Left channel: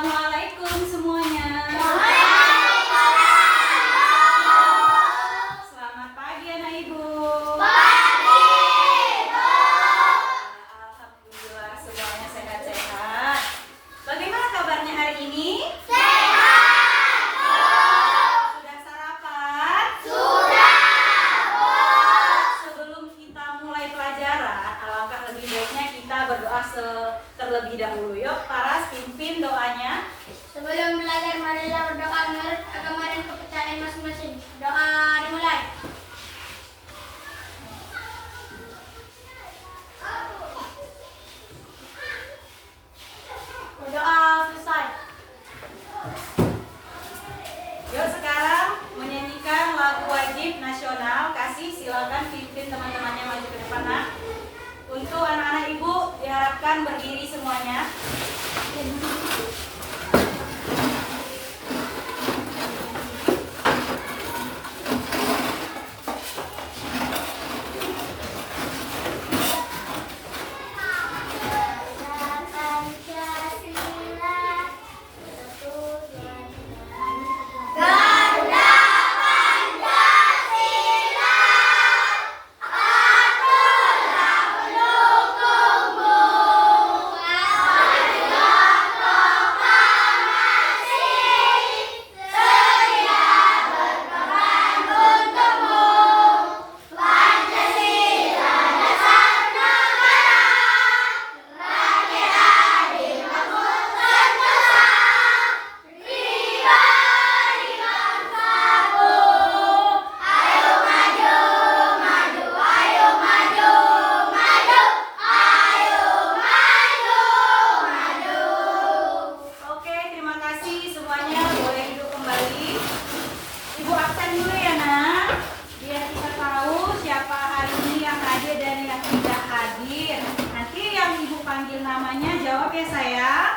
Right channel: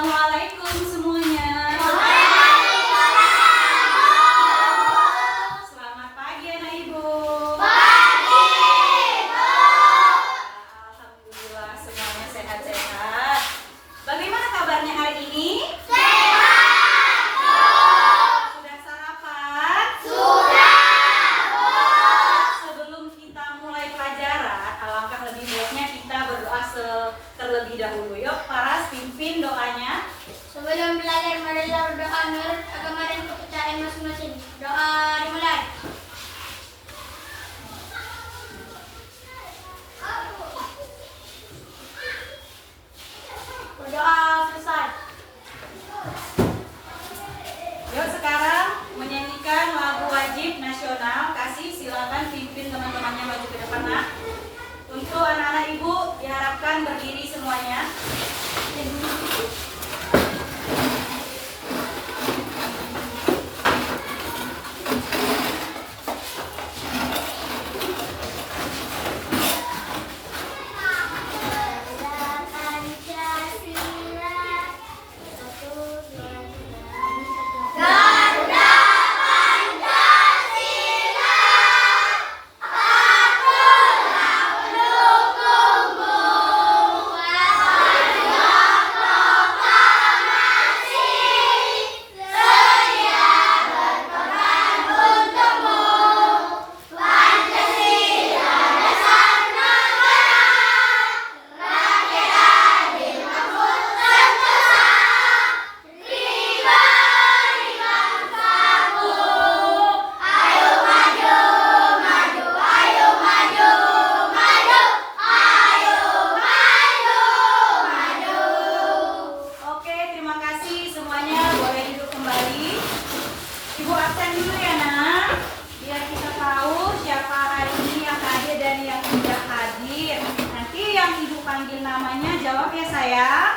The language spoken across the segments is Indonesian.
Assalamualaikum semuanya. Selamat pagi anak ibu. Pagi, Bu. Alhamdulillah semuanya sehat-sehat. Bagaimana kabarnya hari ini? Sehat, Bu. Sudah sarapan? Sudah, Bu. Sebelum kita mulai pelajaran, alangkah lebih baiknya kita berdoa terlebih dahulu. Yuk, Paras pimpin doanya. Sebelum belajar, marilah berdoa menurut agama dan kepercayaan masing-masing. Doa dimulai. Berdoa selesai. Yuk sekarang menyanyikan lagu wajib nasional. Kasih silakan pimpin teman-temannya maju ke depan nak. Untuk anak-anak ibu diharapkan berdiri semuanya. Oke, terima kasih semuanya. Boleh duduk kembali. Ibu absen dulu ya nak, biar kita tahu siapa hari ini yang hadir dan yang tidak hadir. Nanti yang ibu panggil namanya jawab ya sayang.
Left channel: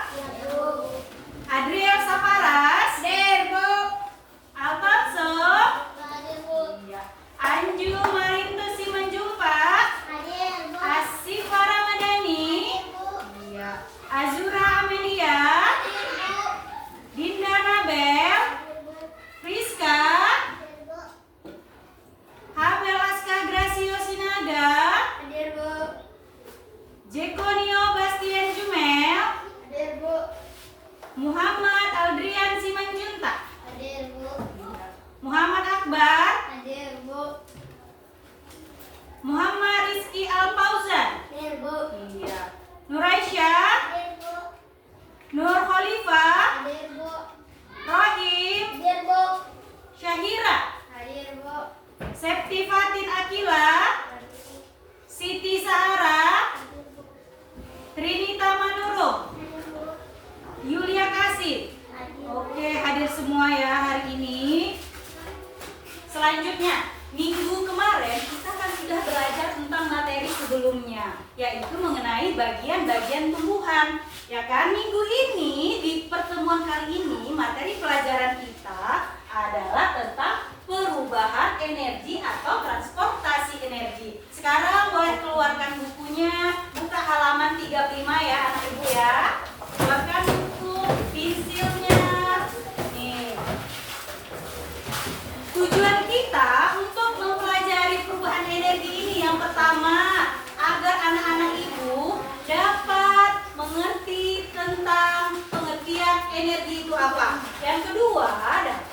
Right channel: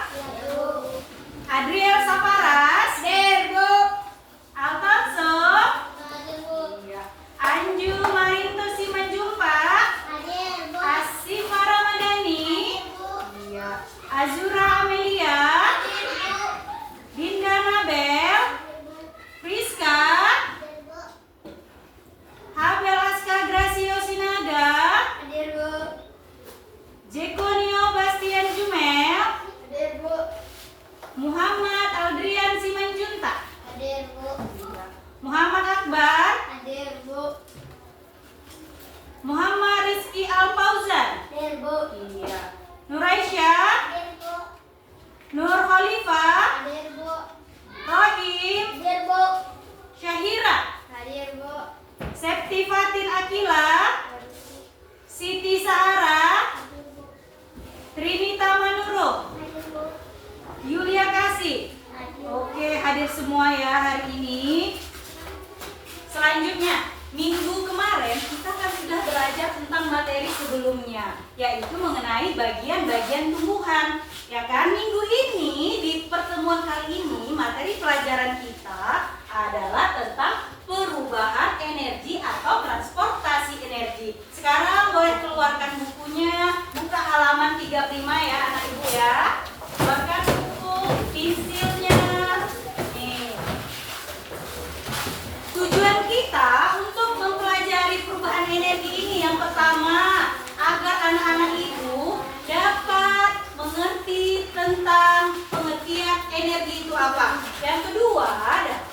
Adriel Saparas, Hadir, Bu. Alfonso, Hadir, Bu. Anju Marintu Simanjuntak, Hadir, Bu. Asif Ramadhani, iya, Azura Amelia, Hadir, Bu. Dinda Nabel, Friska, Habel Aska Gracio Sinaga, Hadir, Bu. Jekonio Bastian Jumel, Hadir, Bu. Muhammad Aldrian Simanjuntak, Hadir, Bu. Muhammad Akbar, Hadir, Bu. Muhammad Rizky Alfauzan, Hadir, Bu. iya, Nuraisyah, Hadir, Bu. Nur Khalifah, Hadir, Bu. Rohim, Hadir, Bu. Syahira, Hadir, Bu. Septi Fatin Akila, Siti Sahara, Hadir, Bu. Trinita Manurung, Hadir, Bu. Yulia Kasih. Hadir. Oke, hadir semua ya hari ini. Selanjutnya, minggu kemarin kita kan sudah belajar tentang materi sebelumnya, yaitu mengenai bagian-bagian tumbuhan. Ya kan, minggu ini di pertemuan kali ini materi pelajaran kita adalah tentang perubahan energi atau transportasi energi. Sekarang boleh keluarkan bukunya, buka halaman 35 ya anak ibu ya. Keluarkan buku, pensilnya. Nih. Tujuan kita untuk mempelajari perubahan energi ini yang pertama, agar anak-anak ibu dapat mengerti tentang pengertian energi itu apa. Yang kedua,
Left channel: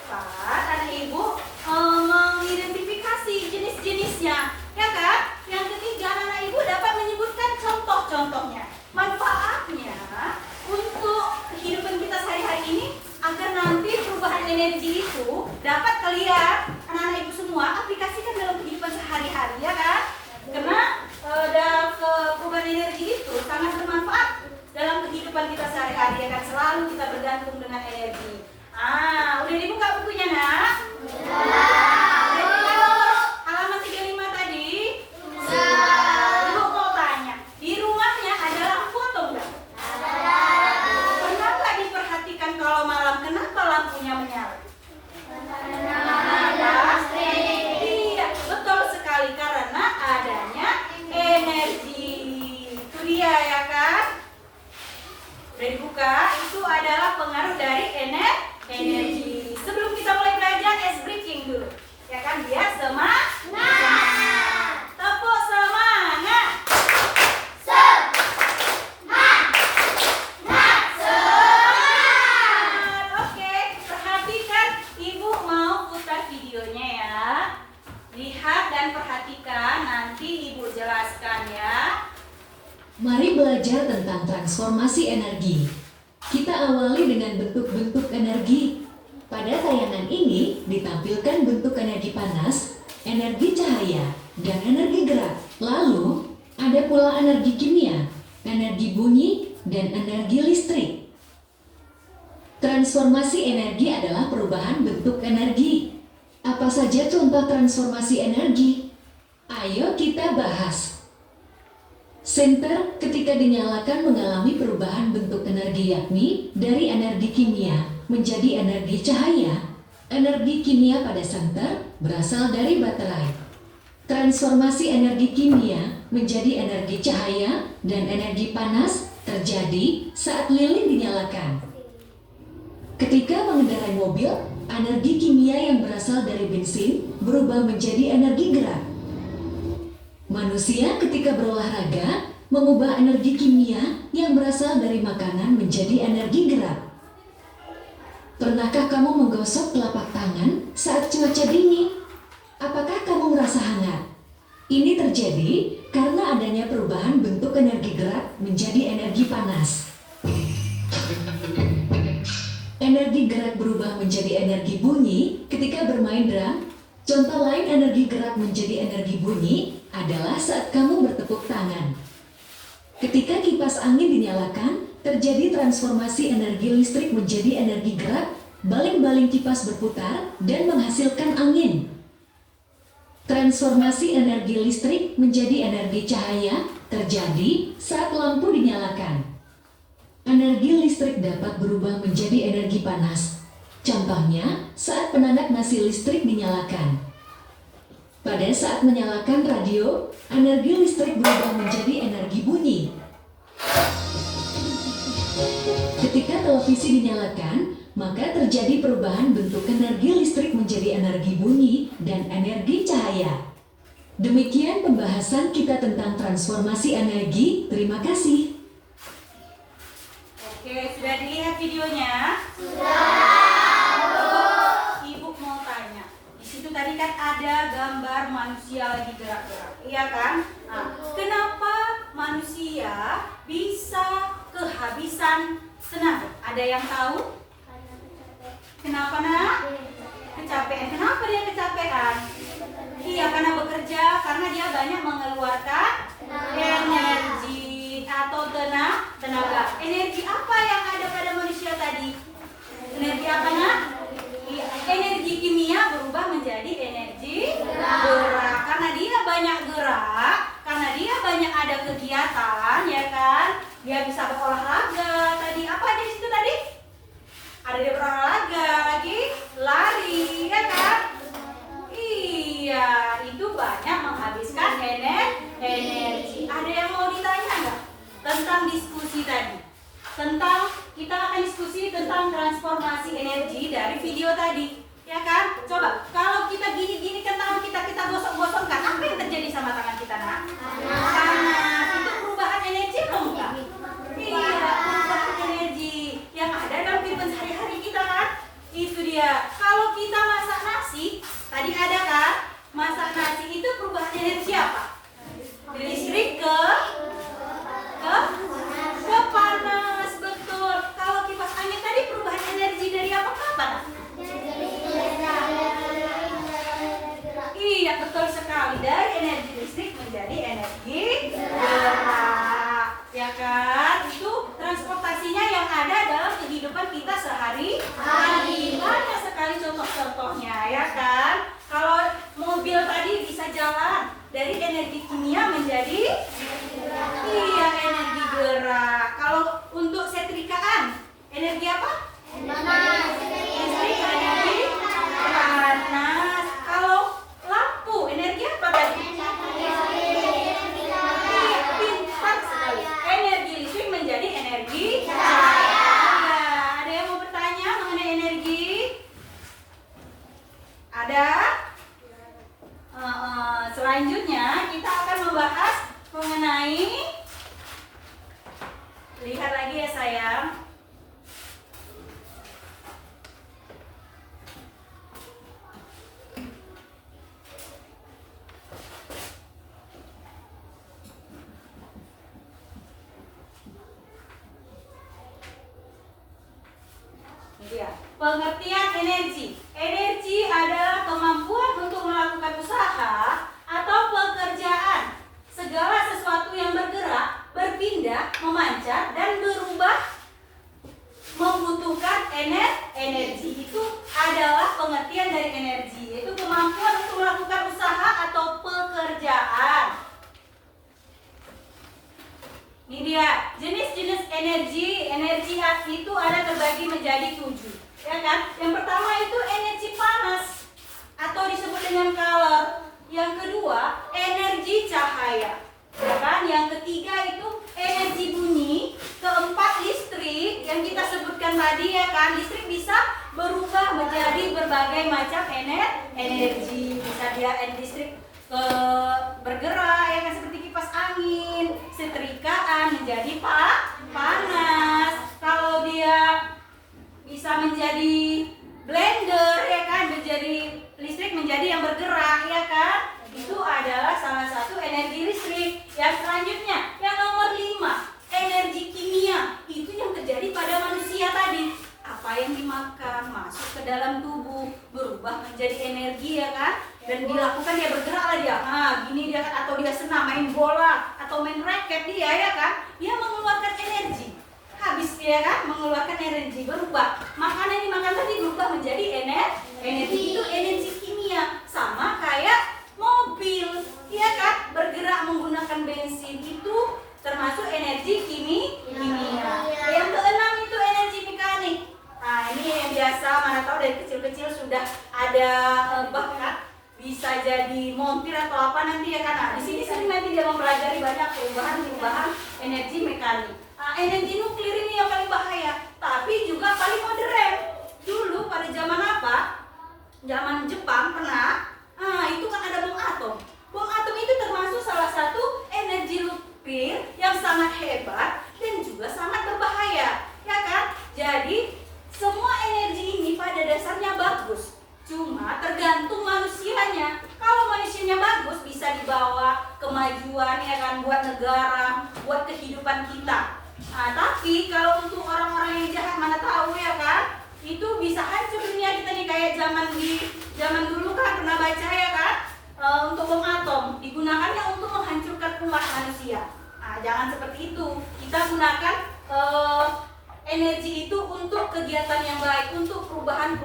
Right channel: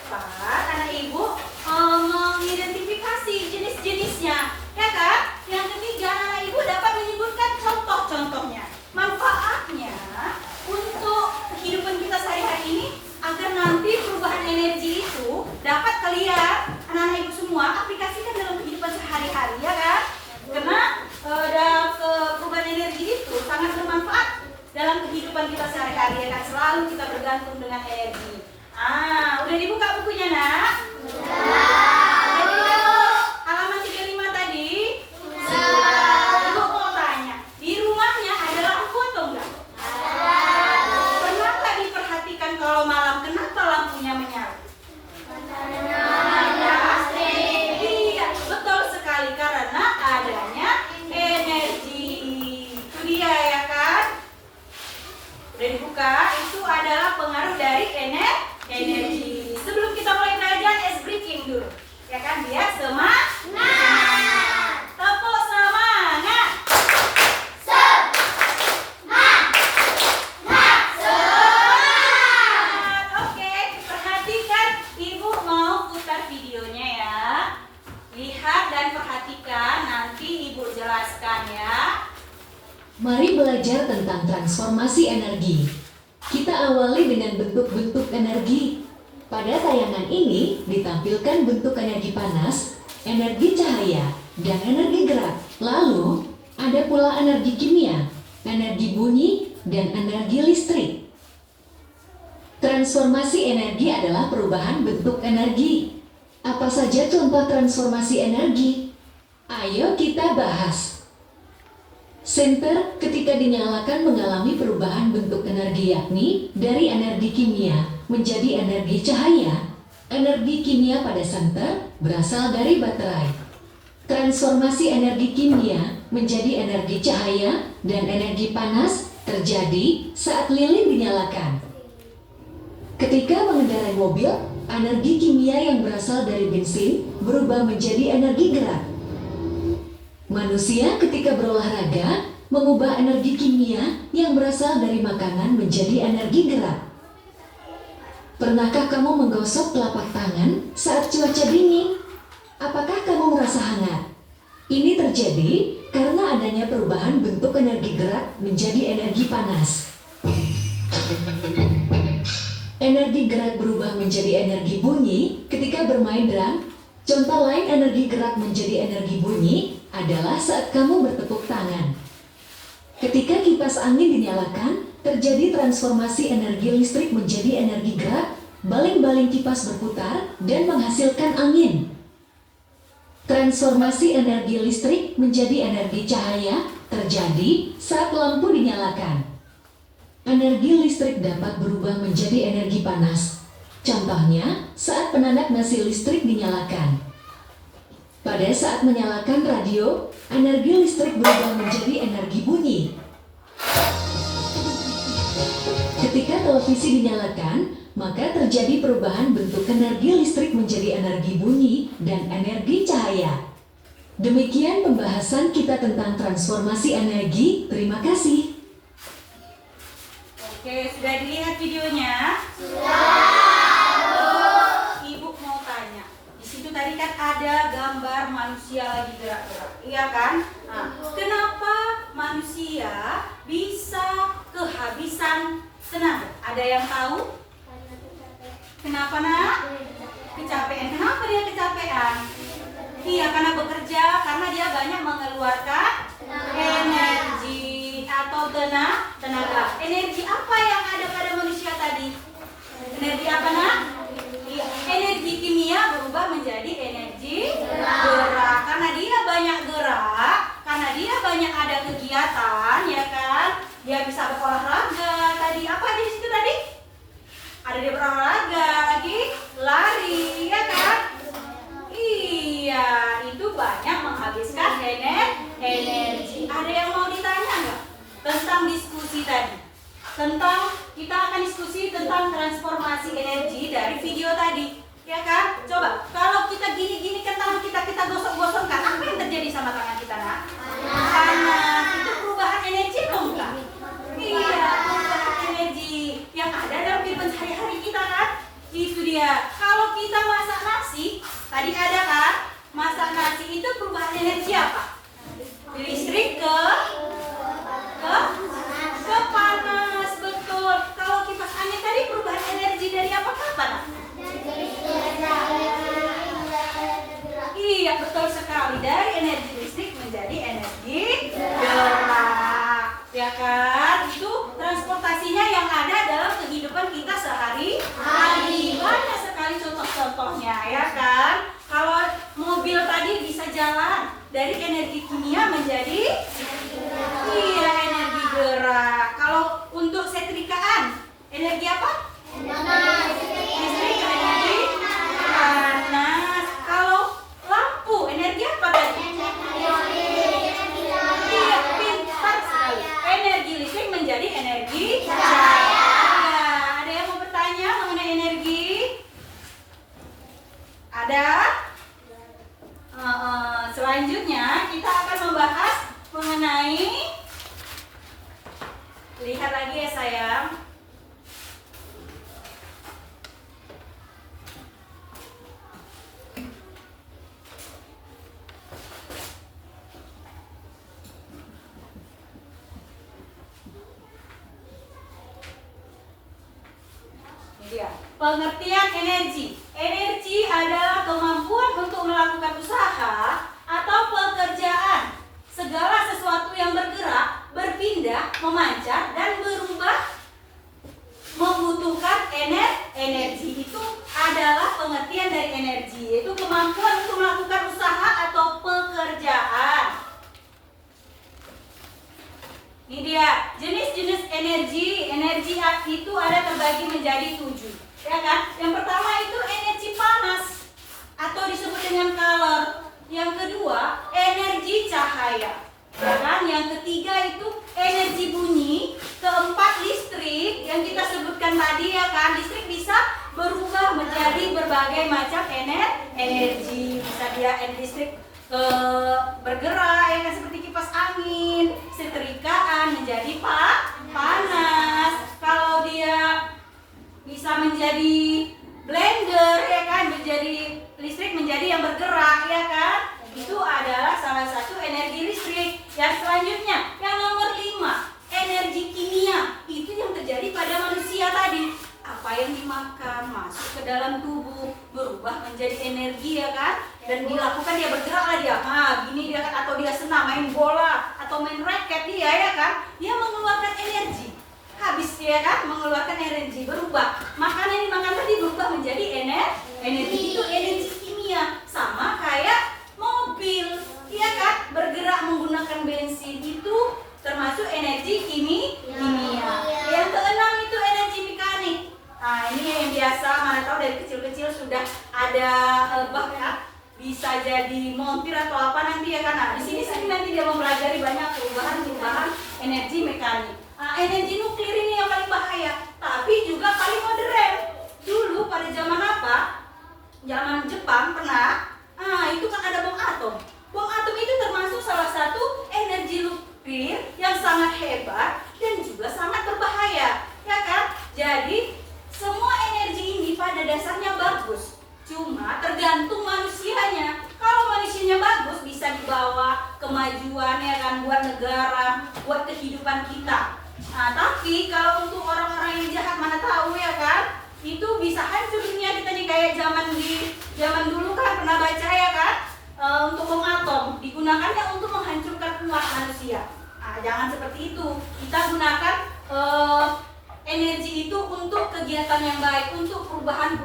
dapat anak ibu mengidentifikasi jenis-jenisnya, ya kan? Yang ketiga, anak ibu dapat menyebutkan contoh-contohnya, manfaatnya untuk kehidupan kita sehari-hari ini, agar nanti perubahan energi itu dapat kalian, anak-anak ibu semua, aplikasikan dalam kehidupan sehari-hari, ya kan? Karena dalam perubahan energi itu sangat bermanfaat dalam kehidupan kita sehari-hari, ya kan? Selalu kita bergantung dengan energi. Udah dibuka jelaskan ya. Mari belajar tentang transformasi energi. Kita awali dengan bentuk-bentuk energi. Pada tayangan ini ditampilkan bentuk energi panas, energi cahaya, dan energi gerak. Lalu, ada pula energi kimia, energi bunyi, dan energi listrik. Transformasi energi adalah perubahan bentuk energi. Apa saja contoh transformasi energi? Ayo kita bahas. Senter ketika dinyalakan mengalami perubahan bentuk energi, yakni dari energi kimia menjadi energi cahaya. Energi kimia pada senter berasal dari baterai. Transformasi energi kimia menjadi energi cahaya dan energi panas terjadi saat lilin dinyalakan. Ketika mengendarai mobil, energi kimia yang berasal dari bensin berubah menjadi energi gerak. Manusia ketika berolahraga mengubah energi kimia yang berasal dari makanan menjadi energi gerak. Pernahkah kamu menggosok telapak tangan saat cuaca dingin? Apakah kamu merasa hangat? Ini terjadi karena adanya perubahan bentuk energi gerak menjadi energi panas. Energi gerak berubah menjadi energi bunyi ketika bermain drum. Contoh lain energi gerak menjadi energi bunyi adalah saat kamu bertepuk tangan. Ketika kipas angin dinyalakan, terjadi transformasi energi listrik menjadi energi gerak, baling-baling kipas berputar dan menghasilkan angin. Transformasi energi listrik menjadi energi cahaya terjadi saat lampu dinyalakan. Energi listrik dapat berubah menjadi energi panas. Contohnya, saat penanak nasi listrik dinyalakan. Pada saat menyalakan radio, energi listrik berubah menjadi energi bunyi. Ketika televisi dinyalakan, maka terjadi perubahan bentuk energi listrik menjadi energi bunyi dan energi cahaya. Demikian pembahasan kita tentang transformasi energi. Terima kasih. Oke, sudah dilihat videonya? Ibu mau tanya. Di situ tadi kan ada gambar manusia lagi gerak-gerak, iya kan? Nah, kenapa manusia bisa kehabisan tenaga? Ada yang tahu? Kenapa nak? Kecapean. Kenapa dia kecapean? Iya, karena bekerja, karena dia banyak mengeluarkan energi atau tenaga. Energi apa yang ada pada manusia tadi? Energi apa nak? Iya, energi kimia berubah menjadi energi gerak. Karena dia banyak gerak, karena dia banyak ada kegiatan, ya kan? Dia bisa berolahraga. Tadi apa aja di situ tadi? Ada dia berolahraga, lagi lari, ya kan? Iya, itu banyak menghabiskan energi. Ada yang mau ditanya nggak tentang diskusi tadi? Kita akan diskusi tentang transformasi energi dari video tadi, ya kan? Coba, kalau kita gini-gini kan tangan kita gosok-gosokkan, apa yang terjadi sama tangan kita, nak? Panas. Itu perubahan energi atau enggak? Iya, perubahan energi yang ada dalam kehidupan sehari-hari kita kan? Itu dia. Kalau kita masak nasi, tadi ada kan? Masak nasi itu perubahan energi apa? Listrik ke panas, betul. Kalau kipas angin tadi perubahan energi dari apa ke apa? Iya, betul sekali. Dari energi listrik menjadi energi gerak, ya kan? Itu transportasinya yang ada dalam kehidupan kita sehari-hari. Banyak sekali contoh-contohnya, ya kan? Kalau mobil tadi bisa jalan dari energi kimia menjadi energi gerak. Kalau untuk setrikaan, energi apa? Listrik, energi panas. Kalau lampu, energi apa tadi? Iya, pintar sekali. Energi listrik menjadi energi cahaya. Ada yang mau bertanya mengenai energi? Ada? Selanjutnya kita akan membahas mengenai, lihat lagi ya sayang. pengertian energi. Energi adalah kemampuan untuk melakukan usaha atau pekerjaan. Segala sesuatu yang bergerak, berpindah, memancar, dan berubah membutuhkan energi. Itu adalah pengertian dari energi, yaitu kemampuan untuk melakukan usaha atau pekerjaan. Ini dia jenis-jenis energi. Energi itu ada terbagi menjadi 7, ya kan? Yang pertama itu energi panas atau disebut dengan kalor. Yang kedua energi cahaya, ya kan? Yang ketiga itu energi bunyi. Keempat listrik yang kita sebutkan tadi, ya kan? Listrik bisa berubah menjadi berbagai macam energi. Bisa dia listrik bergerak, ya kan, seperti kipas angin, setrikaan menjadi panas. Kalau dia bisa menjadi blender, ya kan, menjadi listrik menjadi yang bergerak, ya kan, itu adalah salah satu energi listrik. Yang selanjutnya, yang nomor 5, energi kimia. Itu yang terjadi pada manusia tadi. Apa yang dimakan masuk ke dalam tubuh berubah menjadi energi, ya kan, dan dilakukan, dia bergerak lah dia. Gini dia kan, atau dia senang main bola atau main raket dia, ya kan, dia mengeluarkan energi. Habis dia kan mengeluarkan energi, berubah. Makanan yang dimakan tadi berubah menjadi energi. Itu energi kimia. Sama kayak mobil, ya kan, bergerak menggunakan bensin, itu termasuk energi kimia. Yang keenam itu energi mekanik. Ini yang biasa, mana tahu dari kecil-kecil sudah ada bakat bisa jadi montir atau apa nanti, ya kan. Di sini nanti dia mempelajari banyak perubahan energi mekanik. Energi nuklir ini yang paling bahaya, tapi juga paling modern. Dulu pada zaman apa? Zaman Jepang pernah. Itu kan ada bom atom. Bom atom itu termasuk salah satu energi nuklir yang sangat hebat dan juga sangat berbahaya, ya kan? Jadi semua energi ini pada dasarnya bagus, cuma tergantung manusianya. Kalau manusianya bagus, bisa dibawa kemajuan, ya kan, buat negara, buat kehidupan kita. Tapi kalau untuk orang-orang yang jahat, mana tahu, ya kan, itu bisa hancur dunia kita nih. Kayak zaman dulu kan pernah baca, ya kan, untuk bom atom digunakannya untuk menghancurkan umat manusia. Jangan seperti itu. Kita gunakan energi itu untuk kegiatan yang baik, untuk perubahan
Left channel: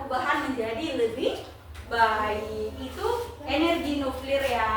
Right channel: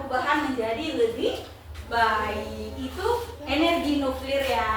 menjadi lebih baik. Itu energi nuklir, ya.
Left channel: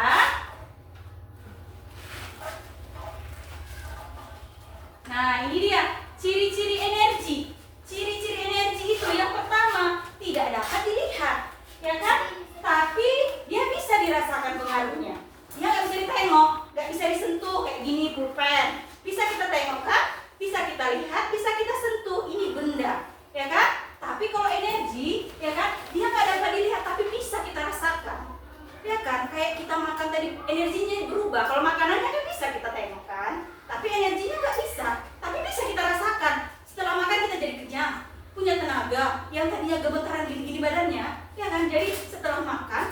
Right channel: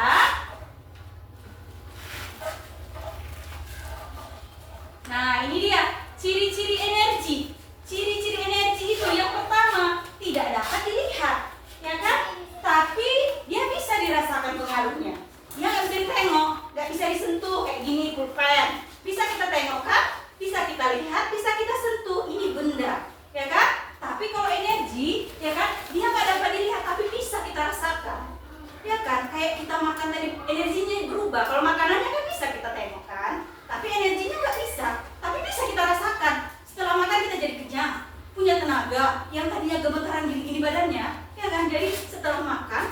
Nah, ini dia ciri-ciri energi. Ciri-ciri energi itu yang pertama, tidak dapat dilihat, ya kan? Tapi dia bisa dirasakan pengaruhnya. Dia nggak bisa ditengok, nggak bisa disentuh kayak gini pulpen. Bisa kita tengok kan? Bisa kita lihat, bisa kita sentuh. Ini benda, ya kan? Tapi kalau energi, ya kan, dia nggak dapat dilihat, tapi bisa kita rasakan, ya kan? Kayak kita makan tadi, energinya berubah. Kalau makanannya kan bisa kita tengok kan, tapi energinya nggak bisa. Tapi bisa kita rasakan. Setelah makan kita jadi kenyang, punya tenaga. Yang tadinya gemetaran gini-gini badannya, ya kan? Jadi setelah makan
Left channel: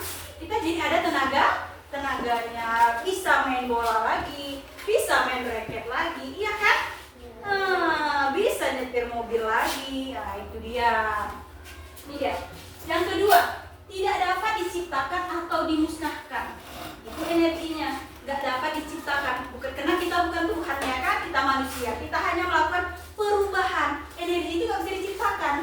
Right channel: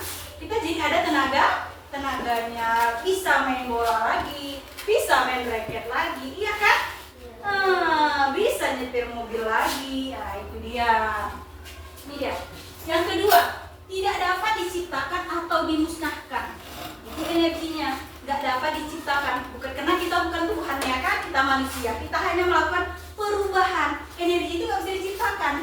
kita jadi ada tenaganya, bisa main bola lagi, bisa main raket lagi, iya kan? Bisa nyetir mobil lagi. Itu dia. Ini dia. Yang kedua, tidak dapat diciptakan atau dimusnahkan. Itu energinya, nggak dapat diciptakan. Bukan karena kita bukan Tuhan, ya kan? Kita manusia. Kita hanya melakukan perubahan. Energi itu nggak bisa diciptakan,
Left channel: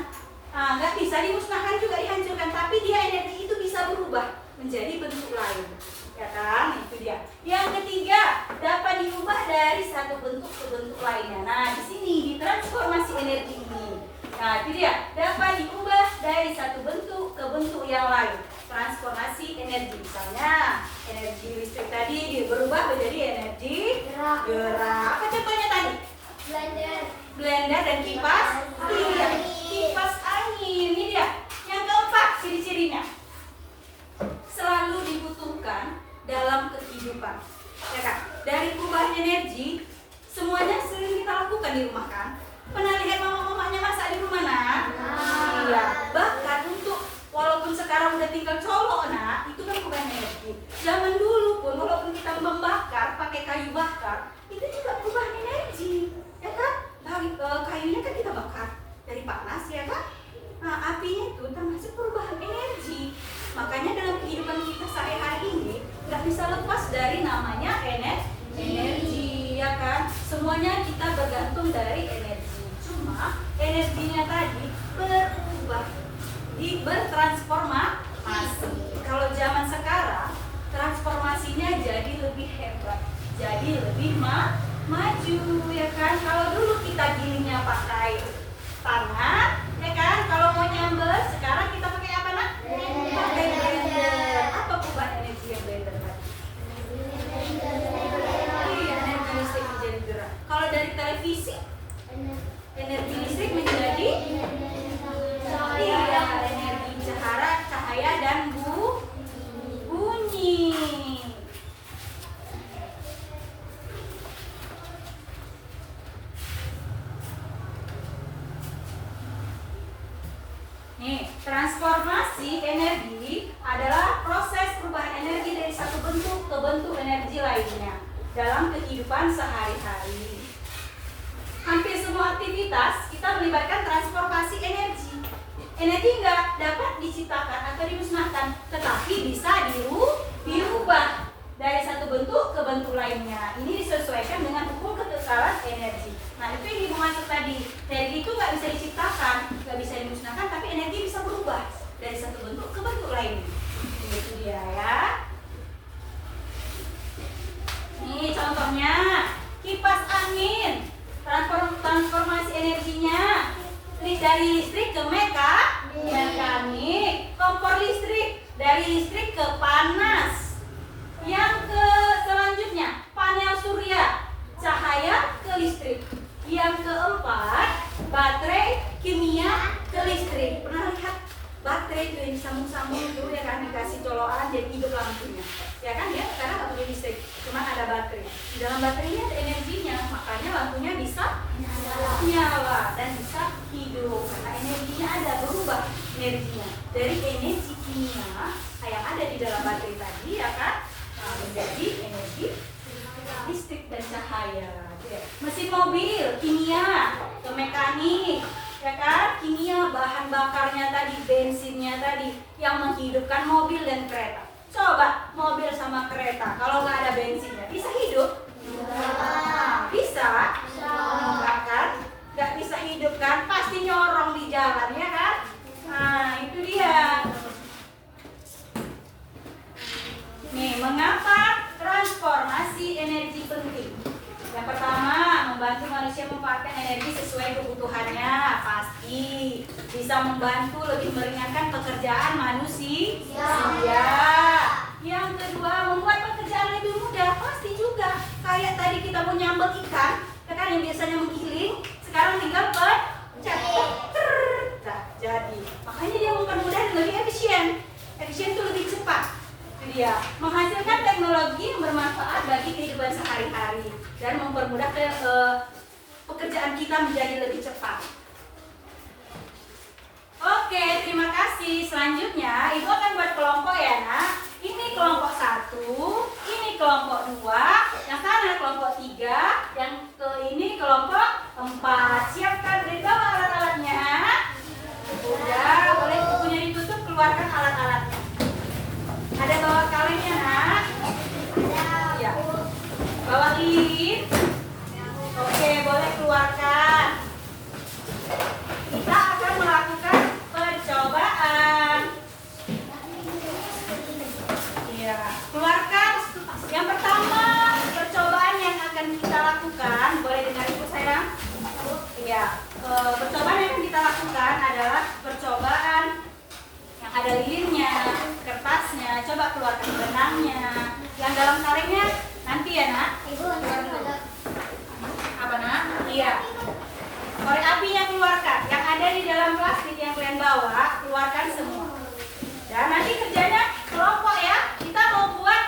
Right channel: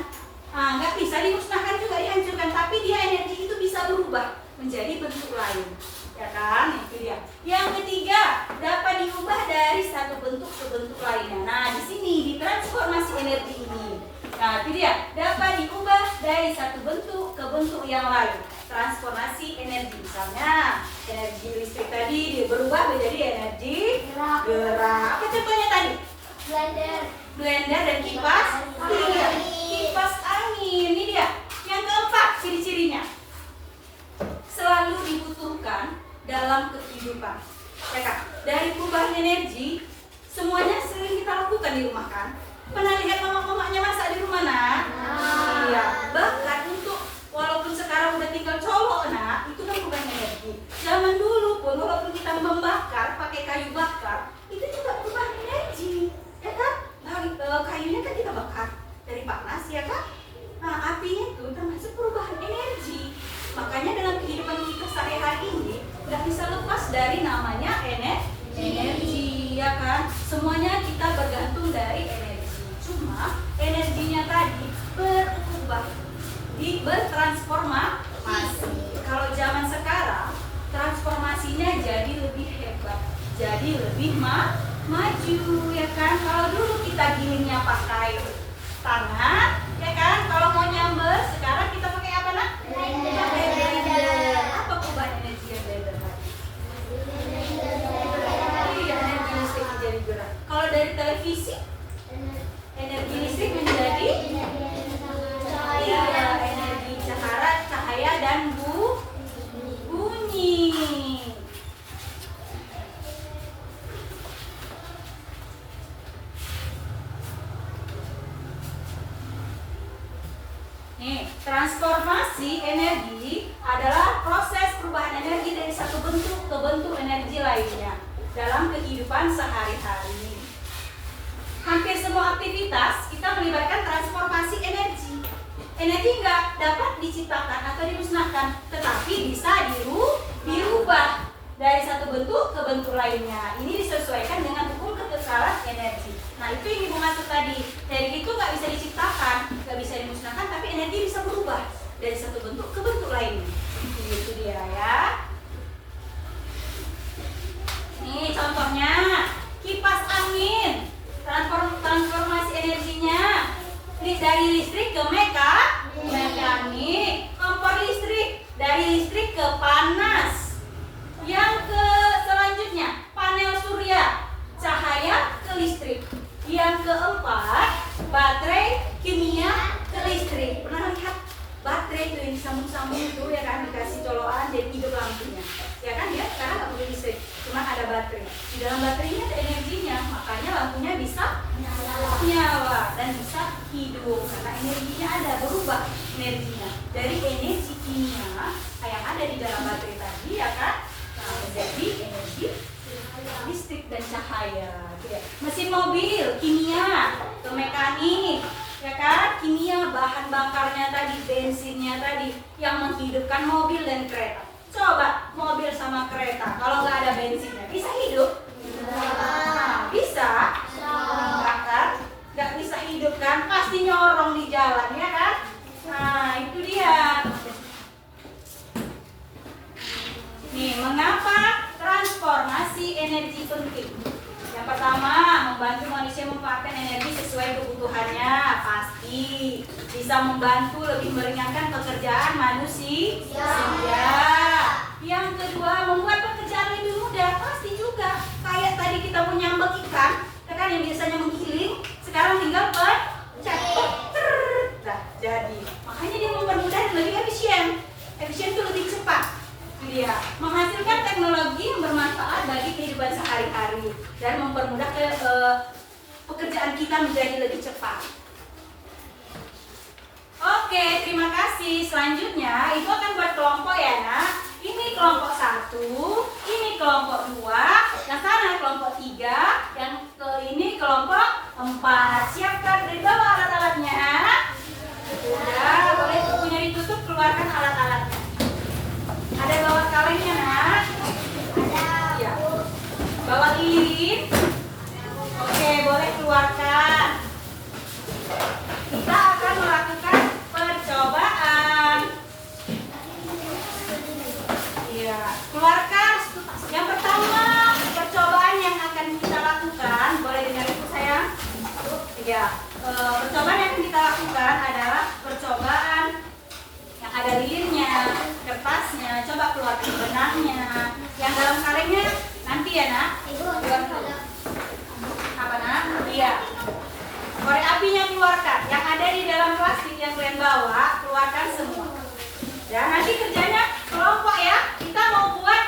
nggak bisa dimusnahkan juga, dihancurkan. Tapi dia energi itu bisa berubah menjadi bentuk lain, ya kan? Itu dia. Yang ketiga, dapat diubah dari satu bentuk ke bentuk lainnya. Nah, di sini ditransformasi energi ini. Nah, itu dia, dapat diubah dari satu bentuk ke bentuk yang lain. Transformasi energi, misalnya energi listrik tadi dia berubah menjadi energi gerak. Apa contohnya tadi? Blender dan kipas. Iya, kipas angin. Ini dia. Yang keempat, ciri-cirinya selalu dibutuhkan dalam kehidupan, ya kan? Dari perubahan energi, semuanya sering kita lakukan di rumah kan? Pernah lihat mama-mamanya masak di rumah, nak? Iya. Bahkan untuk walaupun sekarang udah tinggal colok, nak, itu kan perubahan energi. Zaman dulu pun walaupun kita membakar pakai kayu bakar, itu juga perubahan energi, ya kan? Kayunya kan kita bakar dari panas, ya kan? Apinya bertransformasi. Kalau zaman sekarang transformasinya jadi lebih hebat, jadi lebih maju, ya kan? Kalau dulu kita gilingnya pakai tangan, ya kan? Kalau mau nyambel, sekarang kita pakai apa, nak? Pakai blender. Apa perubahan energi yang blender tadi? Iya, energi listrik menjadi gerak. Kalau dari televisi, energi listrik menjadi energi cahaya dan bunyi. Nih, transformasi energi adalah proses perubahan energi dari satu bentuk ke bentuk energi lainnya dalam kehidupan sehari-hari. Hampir semua aktivitas kita melibatkan transformasi energi. Energi nggak dapat diciptakan atau dimusnahkan, tetapi bisa diubah dari satu bentuk ke bentuk lainnya. Ini disesuaikan dengan ukur kekekalan energi. Nah, itu yang Ibu maksud tadi. Energi itu nggak bisa diciptakan, nggak bisa dimusnahkan, tapi energi bisa berubah dari satu bentuk ke bentuk lainnya. Itu dia ya. Nih contohnya, kipas angin. Transformasi energinya dari listrik ke mekanik. Kompor listrik dari listrik ke panas. Yang ke selanjutnya, panel surya, cahaya ke listrik. Yang keempat, baterai kimia ke listrik. Pernah lihat baterai itu yang disambung-sambung itu, ya kan, dikasih colokan jadi hidup lampunya, ya kan? Ya sekarang nggak perlu listrik, cuma ada baterai. Di dalam baterainya ada energinya, makanya lampunya bisa nyala dan bisa hidup karena energinya ada, berubah energinya dari energi kimia yang ada di dalam baterai tadi, ya kan, menjadi energi listrik dan cahaya. Mesin mobil kimia ke mekanik, ya kan, kimia bahan bakarnya tadi, bensinnya tadi yang menghidupkan mobil dan kereta. Coba mobil sama kereta kalau nggak ada bensinnya bisa hidup? Bisa? Enggak kan? Nggak bisa hidup kan? Pasti nyorong di jalan, ya kan? Nah itu dia. Nih, mengapa transformasi energi penting? Yang pertama, membantu manusia memanfaatkan energi sesuai kebutuhannya. Pasti bisa membantu lebih meringankan pekerjaan manusia. Yang kedua, membuat pekerjaan lebih mudah. Pasti juga. Kayak tadi kita mau nyambek ikan, kan yang biasanya menggiling, sekarang tinggal pencet. Nah, jadi makanya dia mempermudah dan lebih efisien. Efisien itu lebih cepat. Dia menghasilkan teknologi yang bermanfaat bagi kehidupan sehari-hari dan mempermudah pekerjaan kita menjadi lebih cepat. Oke, terima kasih. Selanjutnya Ibu akan buat kelompok, ya nak. Ini kelompok 1, ini kelompok 2, yang sana kelompok 3, yang ke ini kelompok 4. Siapkan dari bawah alat-alatnya. Udah, boleh bukunya ditutup, keluarkan alat-alatnya. Ada bawa kalennya, nak? Ada. Ya. Bawa lilin. Oke, boleh keluarkan. Kita akan melakukan percobaan. Iya, keluarkan. Yang pertama, percobaan yang akan kita lakukan, boleh dengar ibu sayang? Iya. Percobaan yang akan kita lakukan adalah percobaan yang ada lilinnya, kertasnya. Coba keluarkan benangnya. Yang dalam kalengnya nanti ya, nak. Ibu, Apa, nak? Iya. Korek apinya keluarkan. Yang ada di dalam plastik yang kalian bawa, keluarkan semua. Dan nanti kerjanya kelompok, ya. Kita mau buat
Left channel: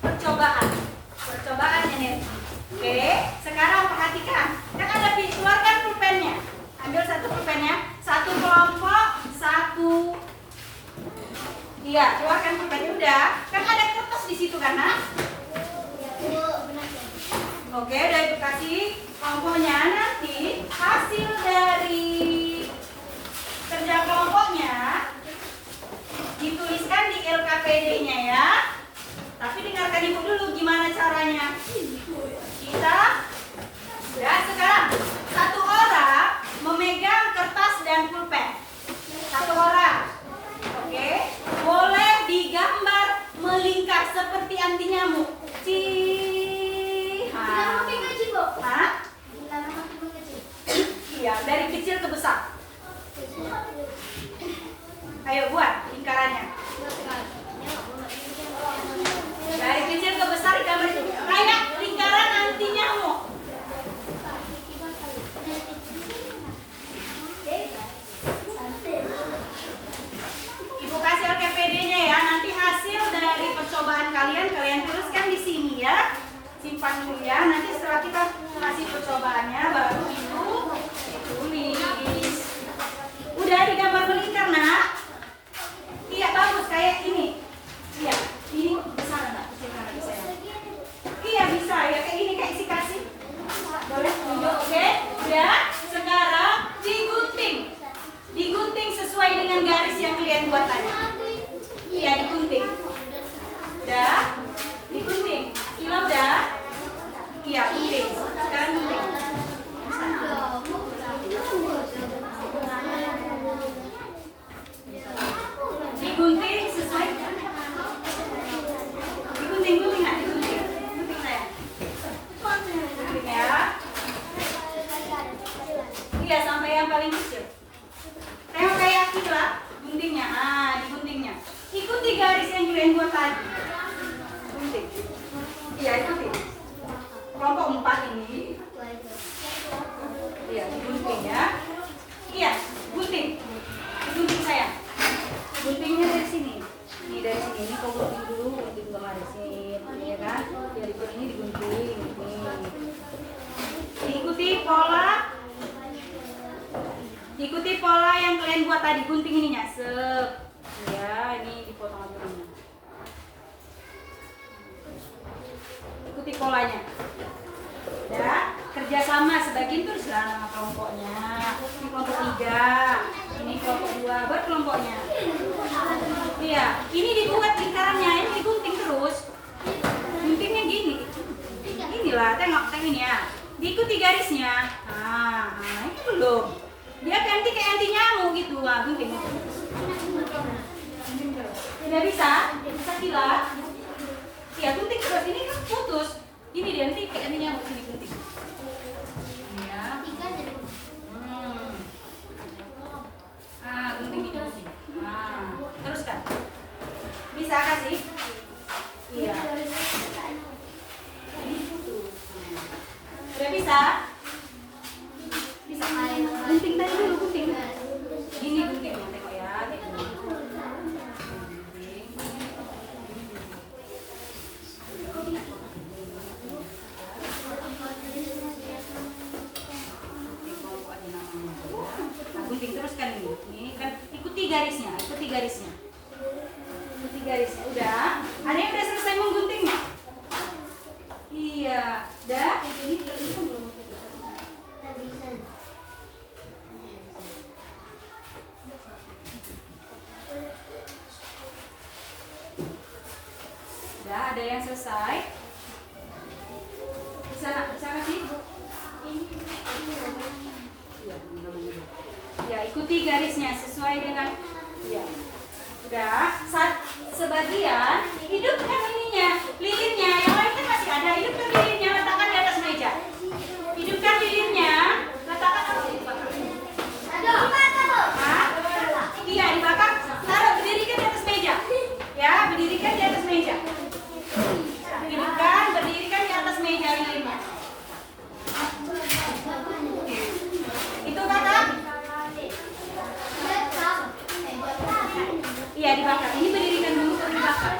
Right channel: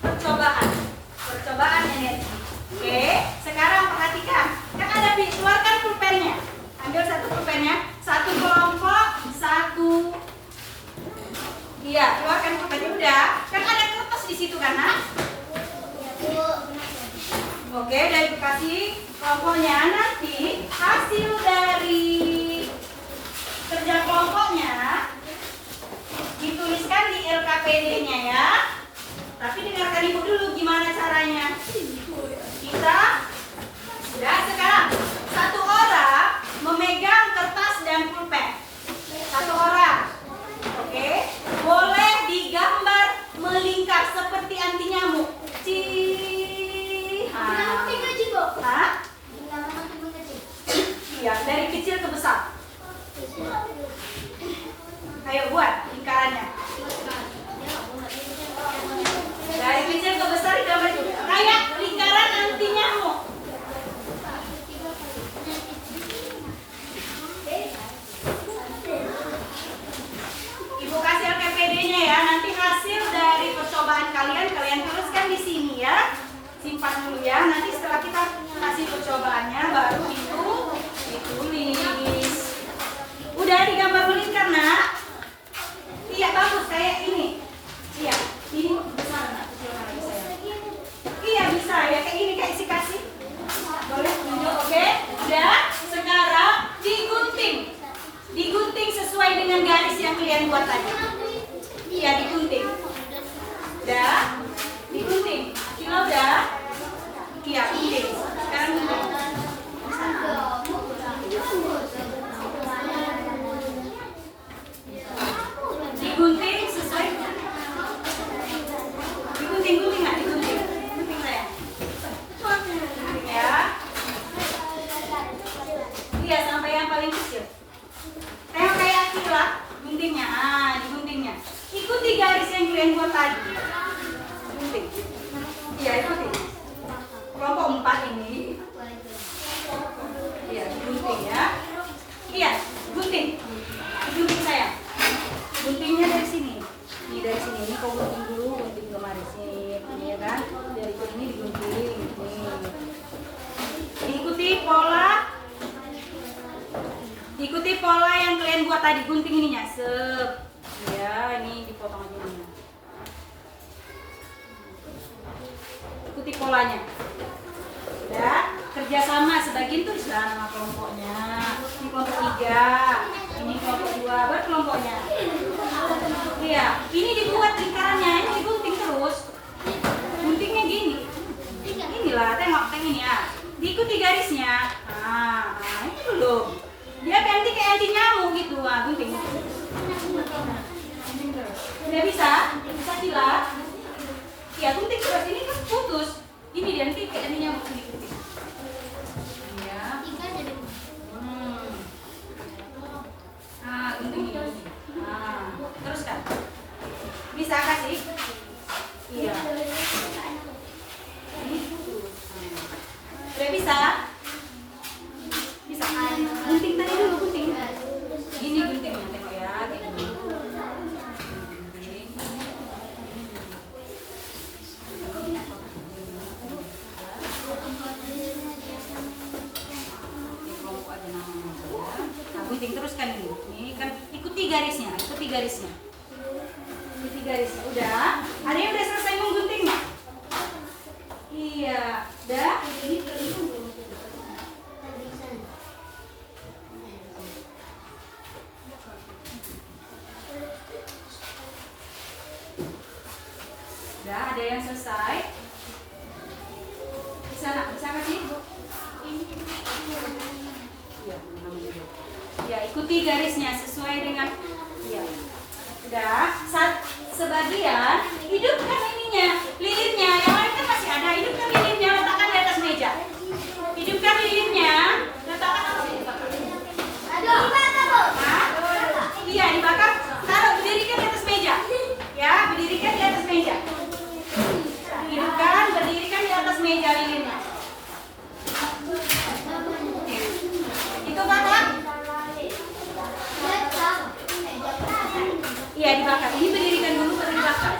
percobaan energi. Oke, sekarang perhatikan. Kan ada keluarkan pulpennya. Ambil satu pulpennya. Satu kelompok, satu. Iya, keluarkan pulpennya. Udah. Kan ada kertas di situ kan, nak? Oke, udah Ibu kasih kelompoknya. Nanti hasil dari kerja kelompoknya dituliskan di LKPD-nya, ya. Tapi dengarkan Ibu dulu gimana caranya. Kita sudah sekarang satu orang memegang kertas dan pulpen. Satu orang. Ya, nanti setelah kita kasih percobaannya baru itu ditulis. Udah digambar melingkar, Nak? Iya, bagus kayak ini. Iya, ini bisa nggak? Iya bisa ya, kayak ini kayak isi kasih. Boleh tunjuk, oke? Udah, sekarang digunting. Digunting sesuai dengan garis yang kalian buat tadi. Iya, digunting. Udah, digunting. Kilo udah? Iya, gunting. Sekarang gunting. Digunting sesuai. Digunting nggak? Digunting. Gunting saya. Gunting ya. Iya, sampai yang paling kecil. Tengok kayak kilat guntingnya. Ah, diguntingnya. Ikuti garis yang kalian buat tadi. Gunting. Iya, ikuti. Kelompok 4 ini. Iya, digunting ya. Iya, gunting. Gunting saya. Guntingnya dari sini. Ini dari sini. Ini kau gunting dulu, gunting kemarin sini, ya kan? Dari ini digunting. Ikuti pola. Ikuti pola yang kalian buat tadi, gunting ininya. Sep. Ya, ini dipotong aja ininya. Ikuti polanya. Ya, kerjasama sebagian tulislah nama kelompoknya. Ini kelompok 3, ini kelompok 2, buat kelompoknya. Iya, ini dibuat lingkarannya, ini digunting terus. Guntingnya gini. Inilah, tengok ini ya. Diikuti garisnya. Nah, ini belum. Dia ganti kayak anti nyamuk gitu, wah gunting. Udah bisa kilat. Ya gunting terus, ini kan putus. Ini dia nanti kayak anti nyamuk sini gunting. Ya. Gunting ini. Teruskan. Bisa kasih? Iya. Ini putus. Udah bisa? Bisa. Gunting tadi dulu, gunting. Ini guntingnya, tengok ya. Gunting. Gunting teruskan ini. Ini kan ikuti garisnya, ikuti garisnya. Ikuti garisnya. Udah? Ada yang udah selesai mengguntingnya? Iya. Udah? Udah, ada yang selesai? Bisa kasih? Iya, ya, ikuti garisnya sesuai dengan ya. Udah, sebagian hidupkan ininya, lilinnya, yang lain kan masih ada. Hidupkan lilinnya, letakkan di atas meja. Hidupkan lilinnya, letakkan iya, dibakar. Taruh, berdirikan di atas meja. Ya, berdirikan di atas meja. Hidupkan, berdirikan di atas meja lilinnya. Itu kakak? Iya, dibakar. Ini berdirikan dulu, baru dibakar.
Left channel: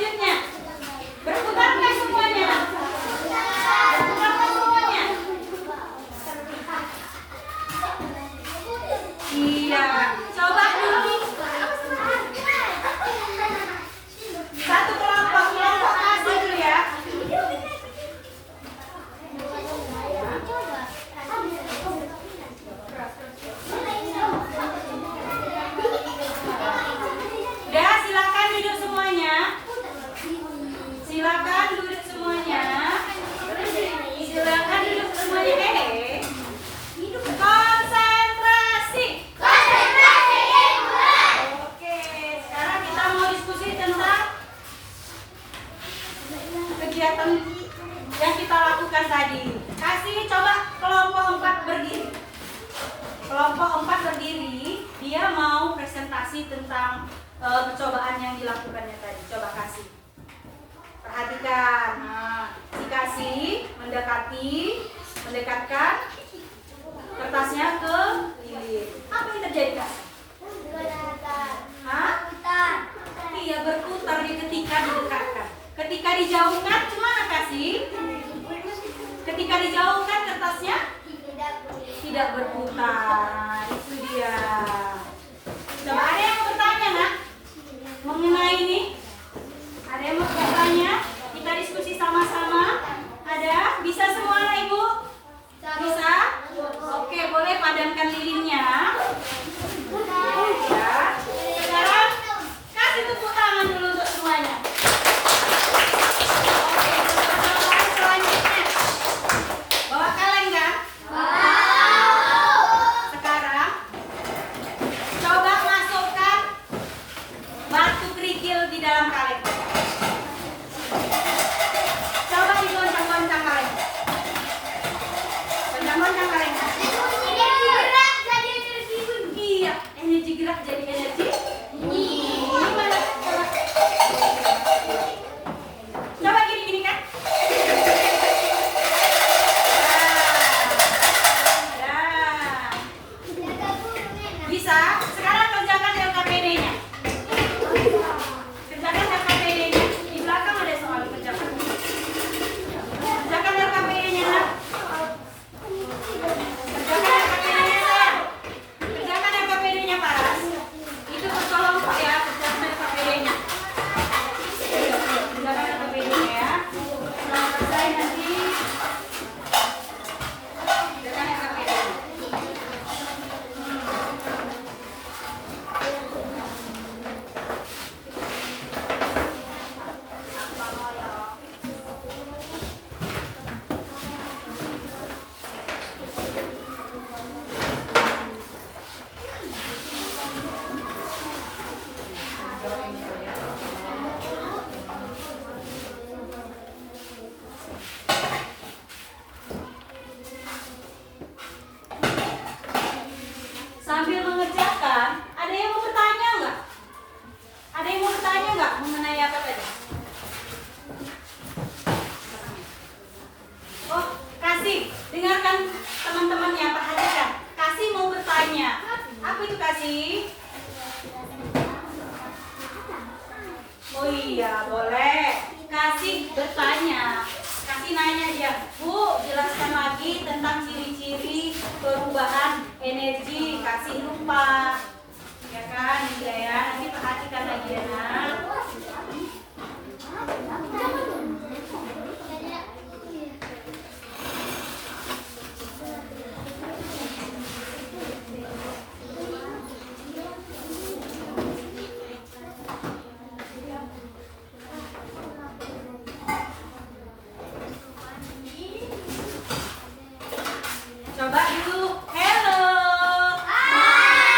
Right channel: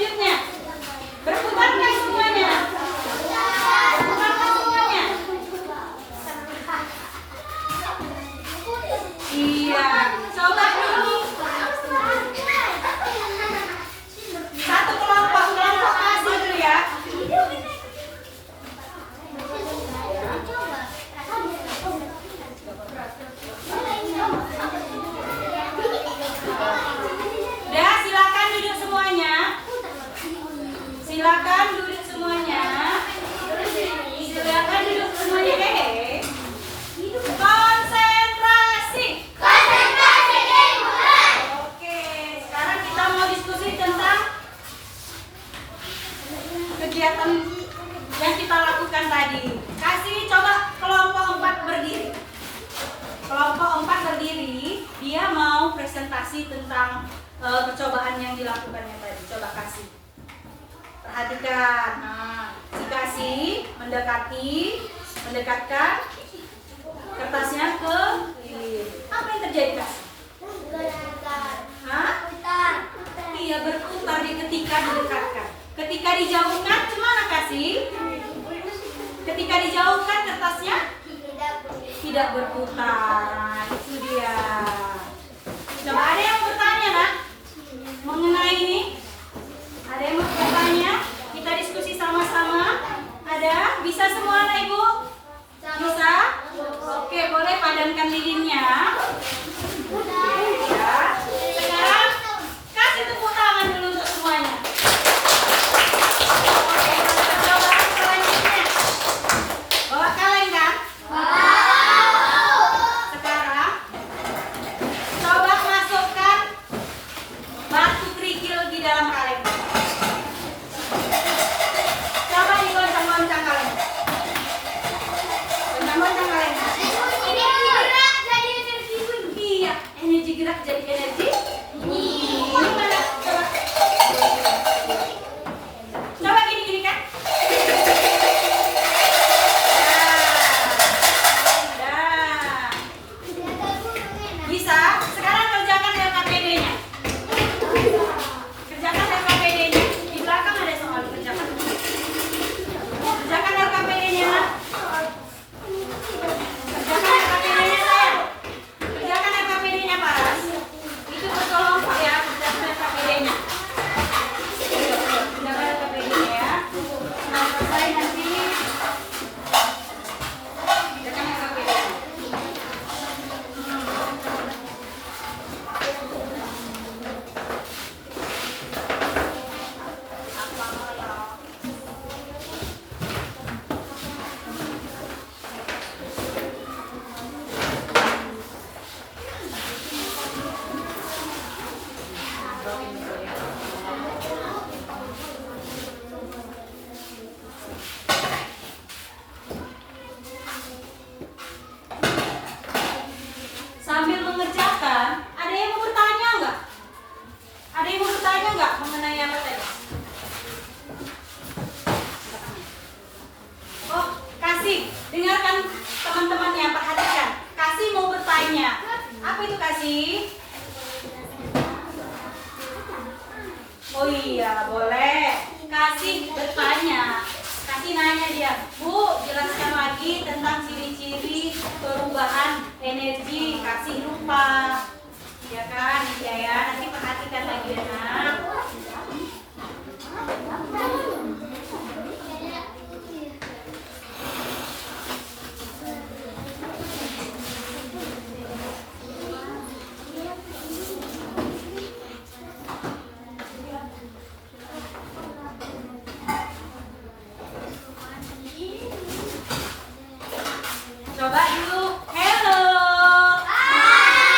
selanjutnya. Berputar nggak semuanya? Berputar nggak semuanya? Iya. Coba dulu. Satu kelompok kasih dulu ya. Udah, silakan duduk semuanya. Silakan duduk semuanya. Silakan duduk semuanya. Konsentrasi. Oke, sekarang kita mau diskusi tentang kegiatan yang kita lakukan tadi. Kasih coba kelompok 4 berdiri. Kelompok 4 berdiri, dia mau presentasi tentang percobaan yang dilakukannya tadi. Coba kasih. Perhatikan. Nah, si kasih mendekatkan kertasnya ke lilin. Apa yang terjadi, kasih? Hah? Iya, berputar ketika didekatkan. Ketika dijauhkan, gimana kasih? Ketika dijauhkan kertasnya tidak berputar. Nah, itu dia. Coba ada yang mau bertanya, nak? Mengenai ini? Ada yang mau bertanya? Kita diskusi sama-sama. Ada? Bisa semua, anak ibu? Bisa? Oke, boleh padankan lilinnya. Ya. Sekarang kasih tepuk tangan dulu untuk semuanya. Oke, percobaan selanjutnya. Bawa kaleng kan? Sekarang coba masukkan batu kerikil di dalam kaleng. Coba digoncang-goncang kaleng. Goncang-goncang kaleng. Iya, energi gerak jadi energi. Ini mana? Coba gini kan? Dah. Bisa? Sekarang kerjakan LKPD-nya. Kerjakan LKPD-nya. Di belakang ada soal kerjakan. Kerjakan LKPD-nya, nak. Kerjakan LKPD-nya, sayang. Kerjakan LKPD-nya, Paras. Itu berkelompok ya, kerjakan LKPD-nya. Kerjakan LKPD-nya ya. Nah, selesai nanti. Kerjakan LKPD-nya. Sambil mengerjakan, ada yang mau bertanya nggak? Ada yang mau bertanya nggak mengenai apa tadi? Oh, kasih. Dengarkan teman-teman yang perhatikan. Kasih mau bertanya. Apa itu kasih? Oh iya, boleh. Kasih bertanya. Kasih nanya dia, Bu, jelaskan lagi tentang ciri-ciri perubahan energi. Kasih lupa, ya kan? Ya, nanti perhatikan lagi ya, nak. Coba dulu. Hello. Hai.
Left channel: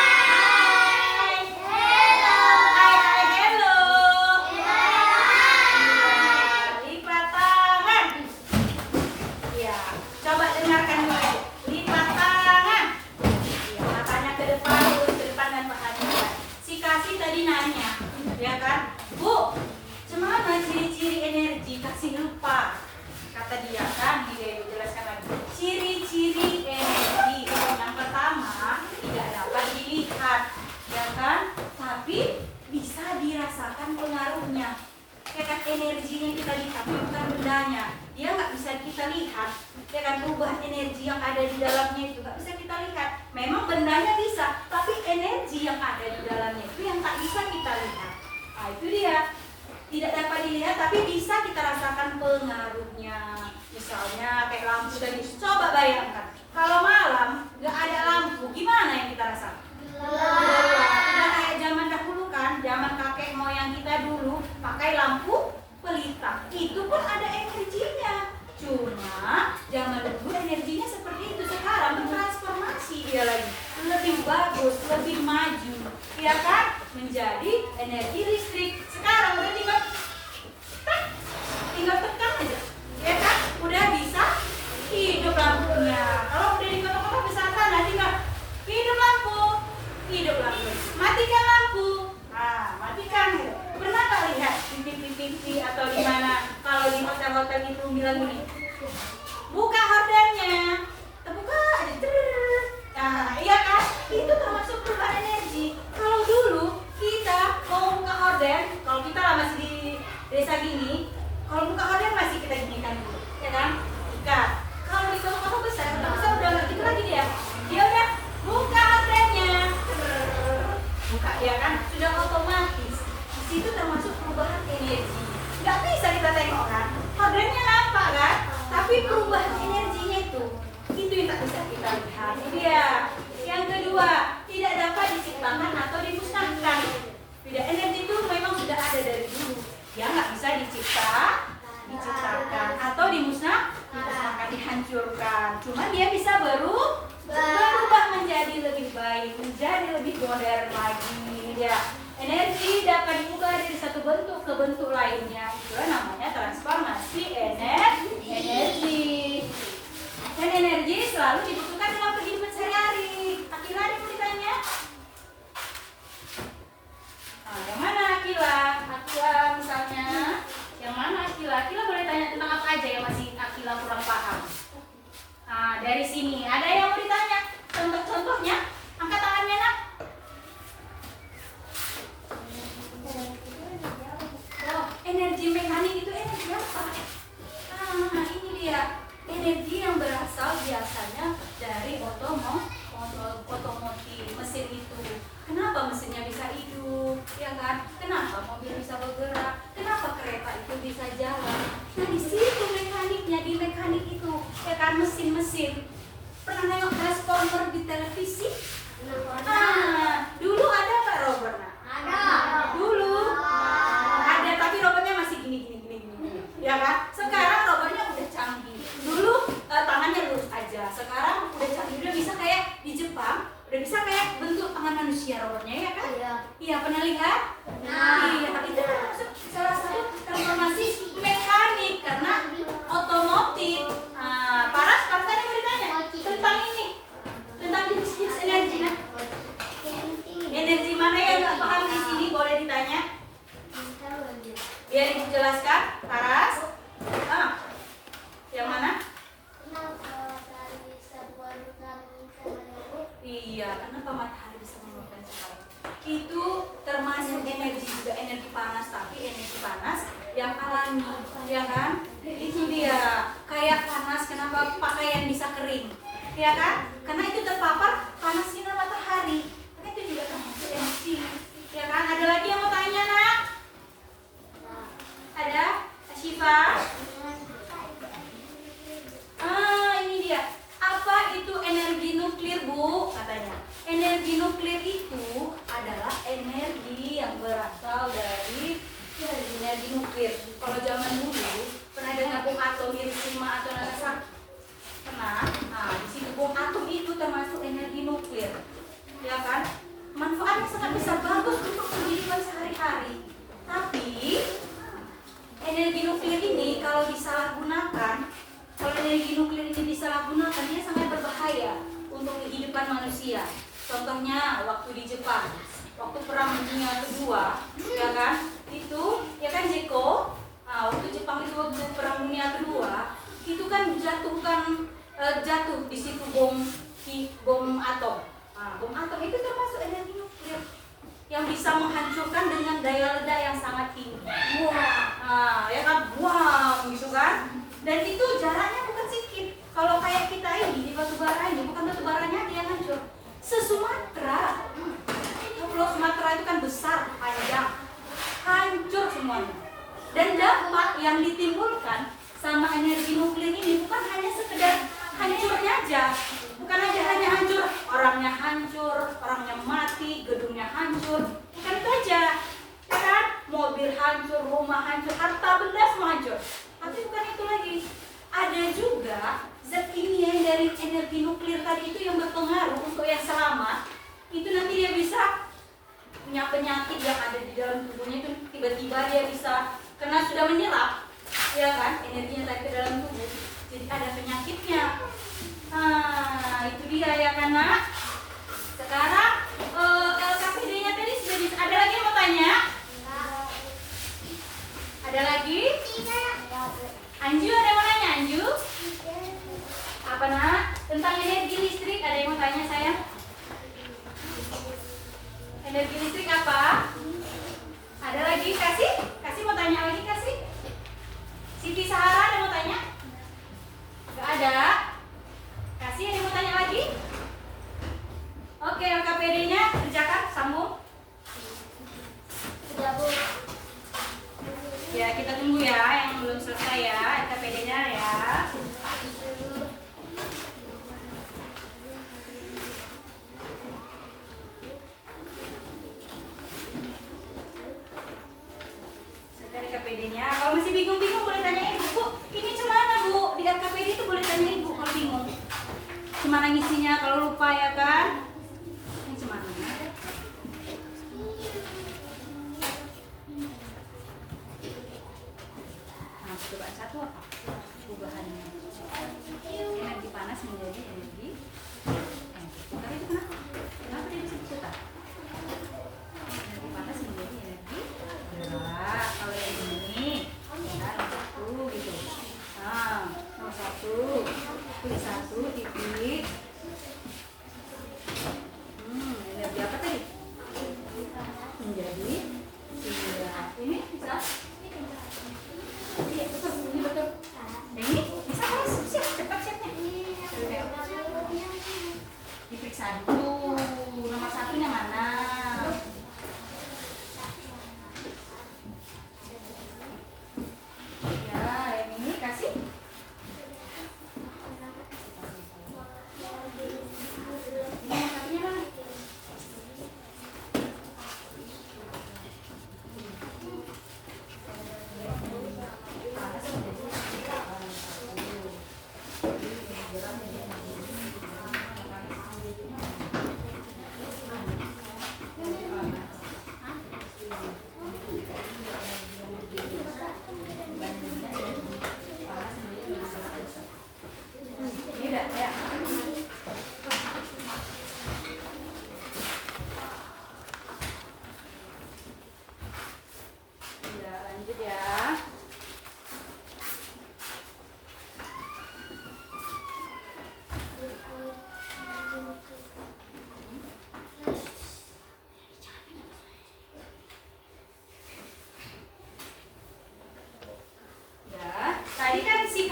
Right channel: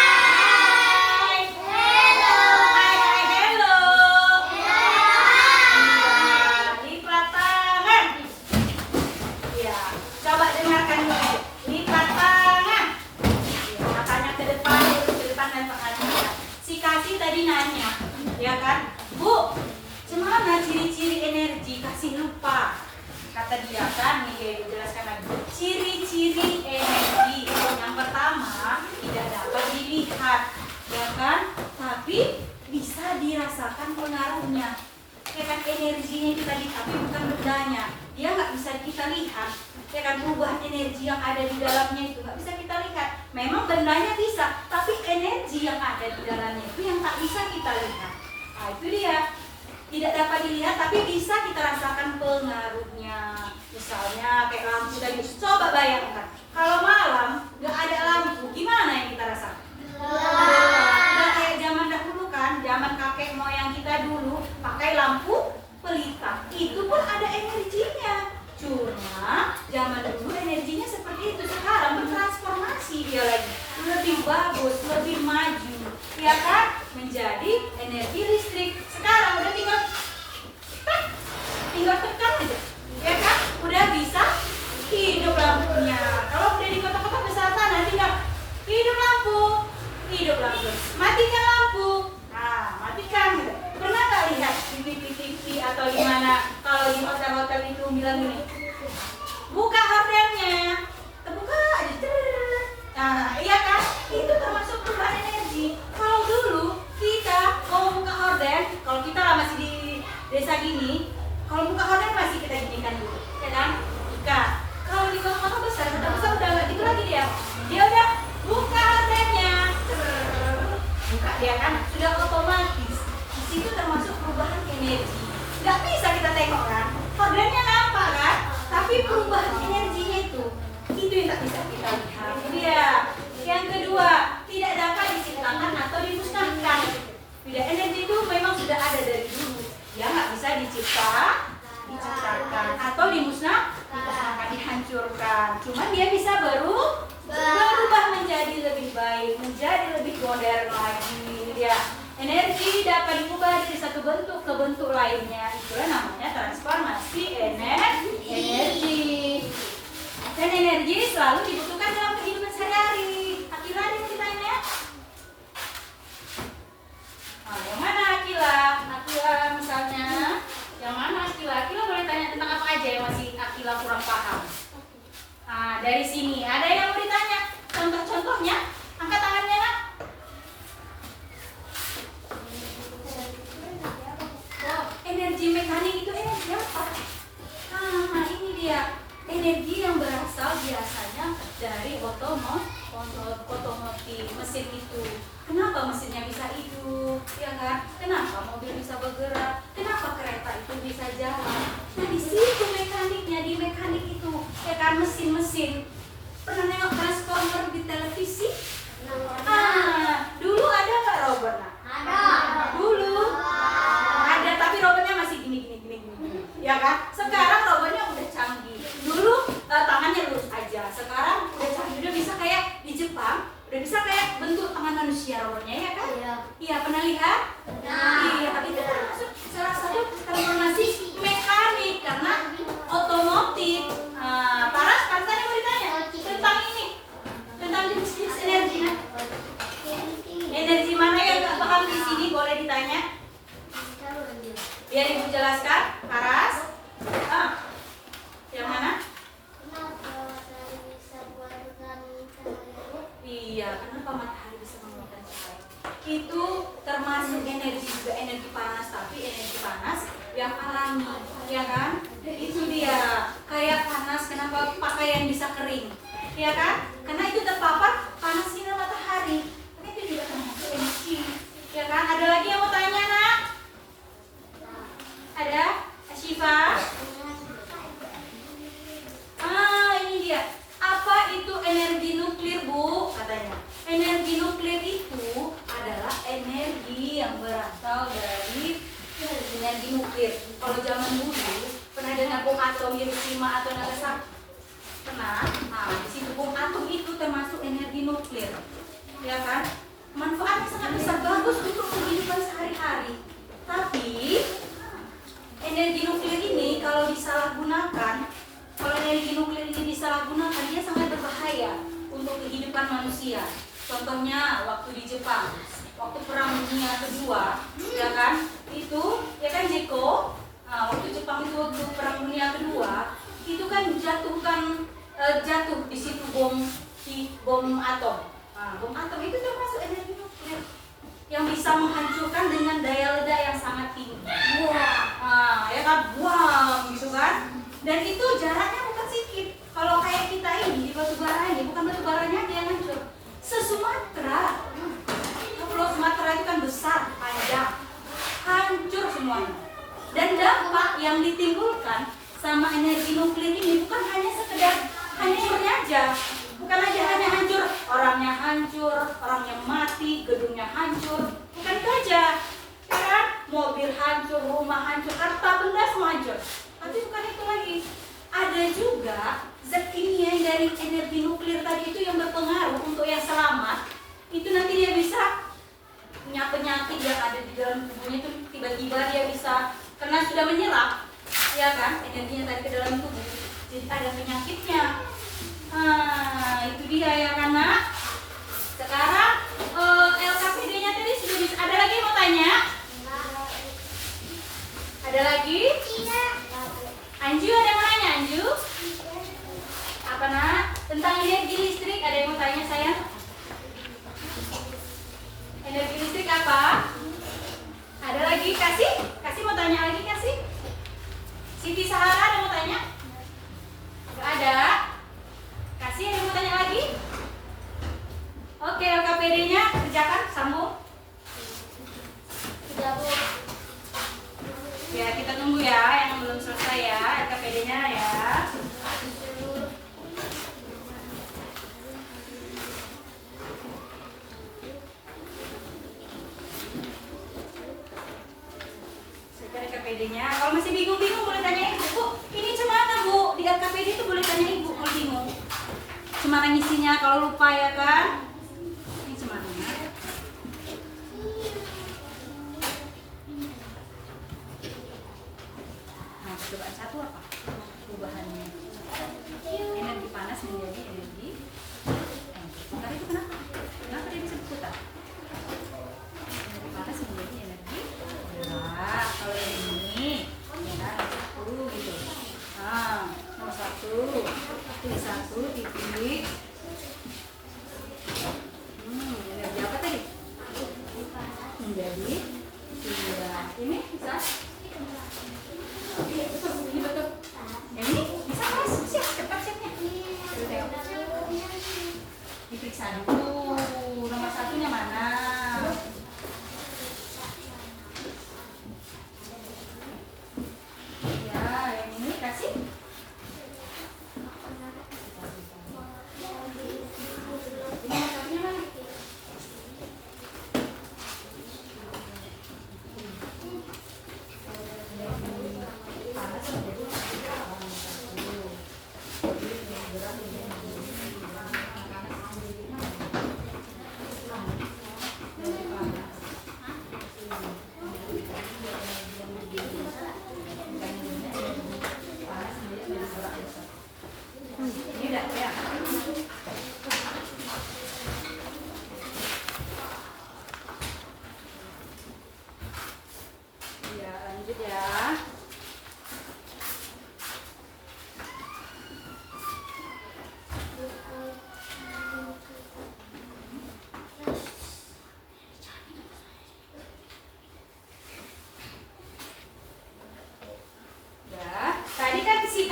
Hello. Hai, hello. ya kan, energinya kita lihat, tapi bukan bendanya. Dia nggak bisa kita lihat, ya kan, perubahan energi yang ada di dalamnya itu nggak bisa kita lihat. Memang bendanya bisa, tapi energi yang ada di dalamnya itu yang tak bisa kita lihat. Nah itu dia, tidak dapat dilihat tapi bisa kita rasakan pengaruhnya. Misalnya kayak lampu tadi, coba bayangkan kalau malam nggak ada lampu, gimana yang kita rasakan? Udah kayak zaman dahulu kan, zaman kakek moyang kita dulu pakai lampu pelita, itu pun ada energinya. Cuma zaman dulu energinya seperti itu, sekarang bertransformasi dia lagi, lebih bagus, lebih maju, ya kan, menjadi energi listrik. Sekarang udah tinggal tekan aja, ya kan, udah bisa hidup lampunya. Kalau udah di kota-kota besar sana tinggal hidup lampu, matikan lampu, nah matikan gitu. Pernah nggak lihat di TV atau di mana kalau di hotel-hotel itu bilang gini, buka hordennya, terbuka aja, nah iya kan, itu termasuk perubahan energi. Kalau dulu kita mau buka horden, kalau kita lah masih di desa gini, kalau buka horden masih kita ginikan dulu, ya kan, buka. Kalau di kota-kota besar udah nggak gitu lagi dia udah buka hordennya, buka, dia kan, sudah otomatis. Di situ termasuk perubahan energi. Nggak bisa kita tengok kan, hordennya nampak kan, tapi perubahan energinya itu yang tak bisa kita lihat. Dia yang kedua, tidak dapat diciptakan atau dimusnahkan. Tidak, energi itu memang sudah ada dari dulu, dia nggak bisa diciptakan atau dimusnahkan, dihancurkan. Cuman dia bisa berubah menjadi lebih baik, menjadi lebih modern lagi. Dia energi dapat diubah dari satu bentuk ke bentuk lainnya. Itulah namanya transformasi energi. Dan energi selalu dibutuhkan dalam kehidupan sehari-hari. Akila ada yang mau ditanya? Oh, yang mana Akila? Akila misalnya, yang mana Akila? Akila boleh tanya tentang apa aja yang masih Akila kurang paham. Nah, dari sini ada yang mau ditanya. Contoh-contohnya, angkat tangannya nak. Oh, energi mekanik itu energi apa? Nah, ini dia. Energi yang berasal biasanya dari otomotif, mesin itu. Kenapa mesinnya bisa hidup, ya kan? Kenapa mobil bisa bergerak? Kenapa kereta itu bisa jalan? Nah, di situ mekaniknya, di mekanik itu, ya kan, mesin-mesin. Pernah nengok transformer di televisi? Dulu ada nggak robot? Dulu ada, tapi robotnya masih gini. Ya kan? Sekarang robotnya udah canggih. Dulu tangannya lurus aja. Sekarang udah canggih, udah bisa kayak di Jepang, udah bisa kayak bentuk tangan manusia robotnya, ya kan? Iya, pernah lihat? Iya, itu termasuk salah satu transformasi mekanik karena otomotif. Paras yang mau ditanya tentang ini, tentang jenis energi. Energi mana yang nggak paham di sini boleh ditanya? Biar ibu jelaskan, Paras. Yang mana? Iya, kenapa matahari bisa mengeluarkan cahaya? Itu termasuk energi juga, energi panas, tapi energi panas yang alami, ya kan? Itu dia, kayak panas, kenapa pakaian bisa kering, ya kan? Karena itu terpapar panas sinar matahari. Karena itu juga termasuk energi, ya kan? Ada lagi yang mau tanya, nak? Ada? Asyifa? Ini dia. Apa itu energi nuklir, Bu? Katanya. Energi nuklir itu adalah energi yang berasal dari energi nuklir. Kalau zaman dulu pernah dengar bom atom Hiroshima atau Nagasaki? Pernah? Nah, di situ bom atom itu termasuk energi nuklir. Ya kan? Manfaatnya sangat besar, bagus untuk kehidupan sehari-hari. Tapi energi nuklir ini kalau disalahgunakan, dia sangat berbahaya untuk kehidupan manusia. Contohnya waktu di Jepang, waktu Perang Dunia Kedua, ya kan? Itu, ya kan Jeko? Waktu Jepang itu waktu Perang Dunia Kedua, itu kan jatuh di situ bom atom. Bom atom itu termasuk energi nuklir yang bisa menghancurkan dengan daya ledak yang sangat tinggi. Dan itu jaraknya bukan sedikit. Kalau kayak kita ini di batu bara ini, bukan batu baranya aja yang hancur. Se-Sumatera. Pulau Sumatera itu kan besar, panjang. Hancur semuanya. Dan dampak yang ditimbulkan sama energi nuklir ini bukan hanya sekedar hancurnya aja. Bukan aja hanya hancur, orangnya mati, gedungnya hancur. Bukan itu aja. Kan mobil hancur, rumah hancur, harta benda semua hancur. Tapi bukan itu lagi. Ada juga zat kimia dari energi nuklir tadi itu yang berpengaruh untuk yang selamat. Itu nanti dia bisa punya penyakit yang ada di dalam tubuhnya itu tiba-tiba dia bisa karena sudah menyerap, ya kan, energinya tadi ke dalam tubuh. Jadi ada penyakitnya. Itu dia ya kan, Nak. Sekarang LKPD-nya tadi sudah bisa. Ada lagi yang mau tanya? Ada lagi? Anju ada yang mau nanya, Anju? Apa, Nak? Tentang energi listrik ada yang mau tanya, sayang? Energi listrik apa? Ada lagi? Kasih mau tanya lagi, Kasih? Siti Sahara ada mau tanya? Gak ada? Kasih ada yang mau tanya lagi? Oke, LKPD-nya kerjakan, sambung. Ya, kita tunggu ya yang belum selesai ya LKPD-nya ya. LKPD-nya. Kalau masih bingung-bingung boleh tanya Ibu. Bu, ini gimana Bu? Di LKPD itu boleh tanya Ibu kalau bingung. Gimana ngisinya kalau lupa ya kan? Ini gimana? Nah, cobaan satu apa? Perubahannya. Energi panas menjadi energi. Putar itu kenapa? Kenapa dia bisa putar? Energi panas menjadi energi. Nah, kalau yang ini ya, satu gitu. Nomor satu, titik. Energi apa tadi? Menjadi tiga. Ini bisa? Iya, betul. Ini betul. Yang ini bisa kan? Siap, cepat siapnya. Diperiksa dulu. Nomor satunya mana?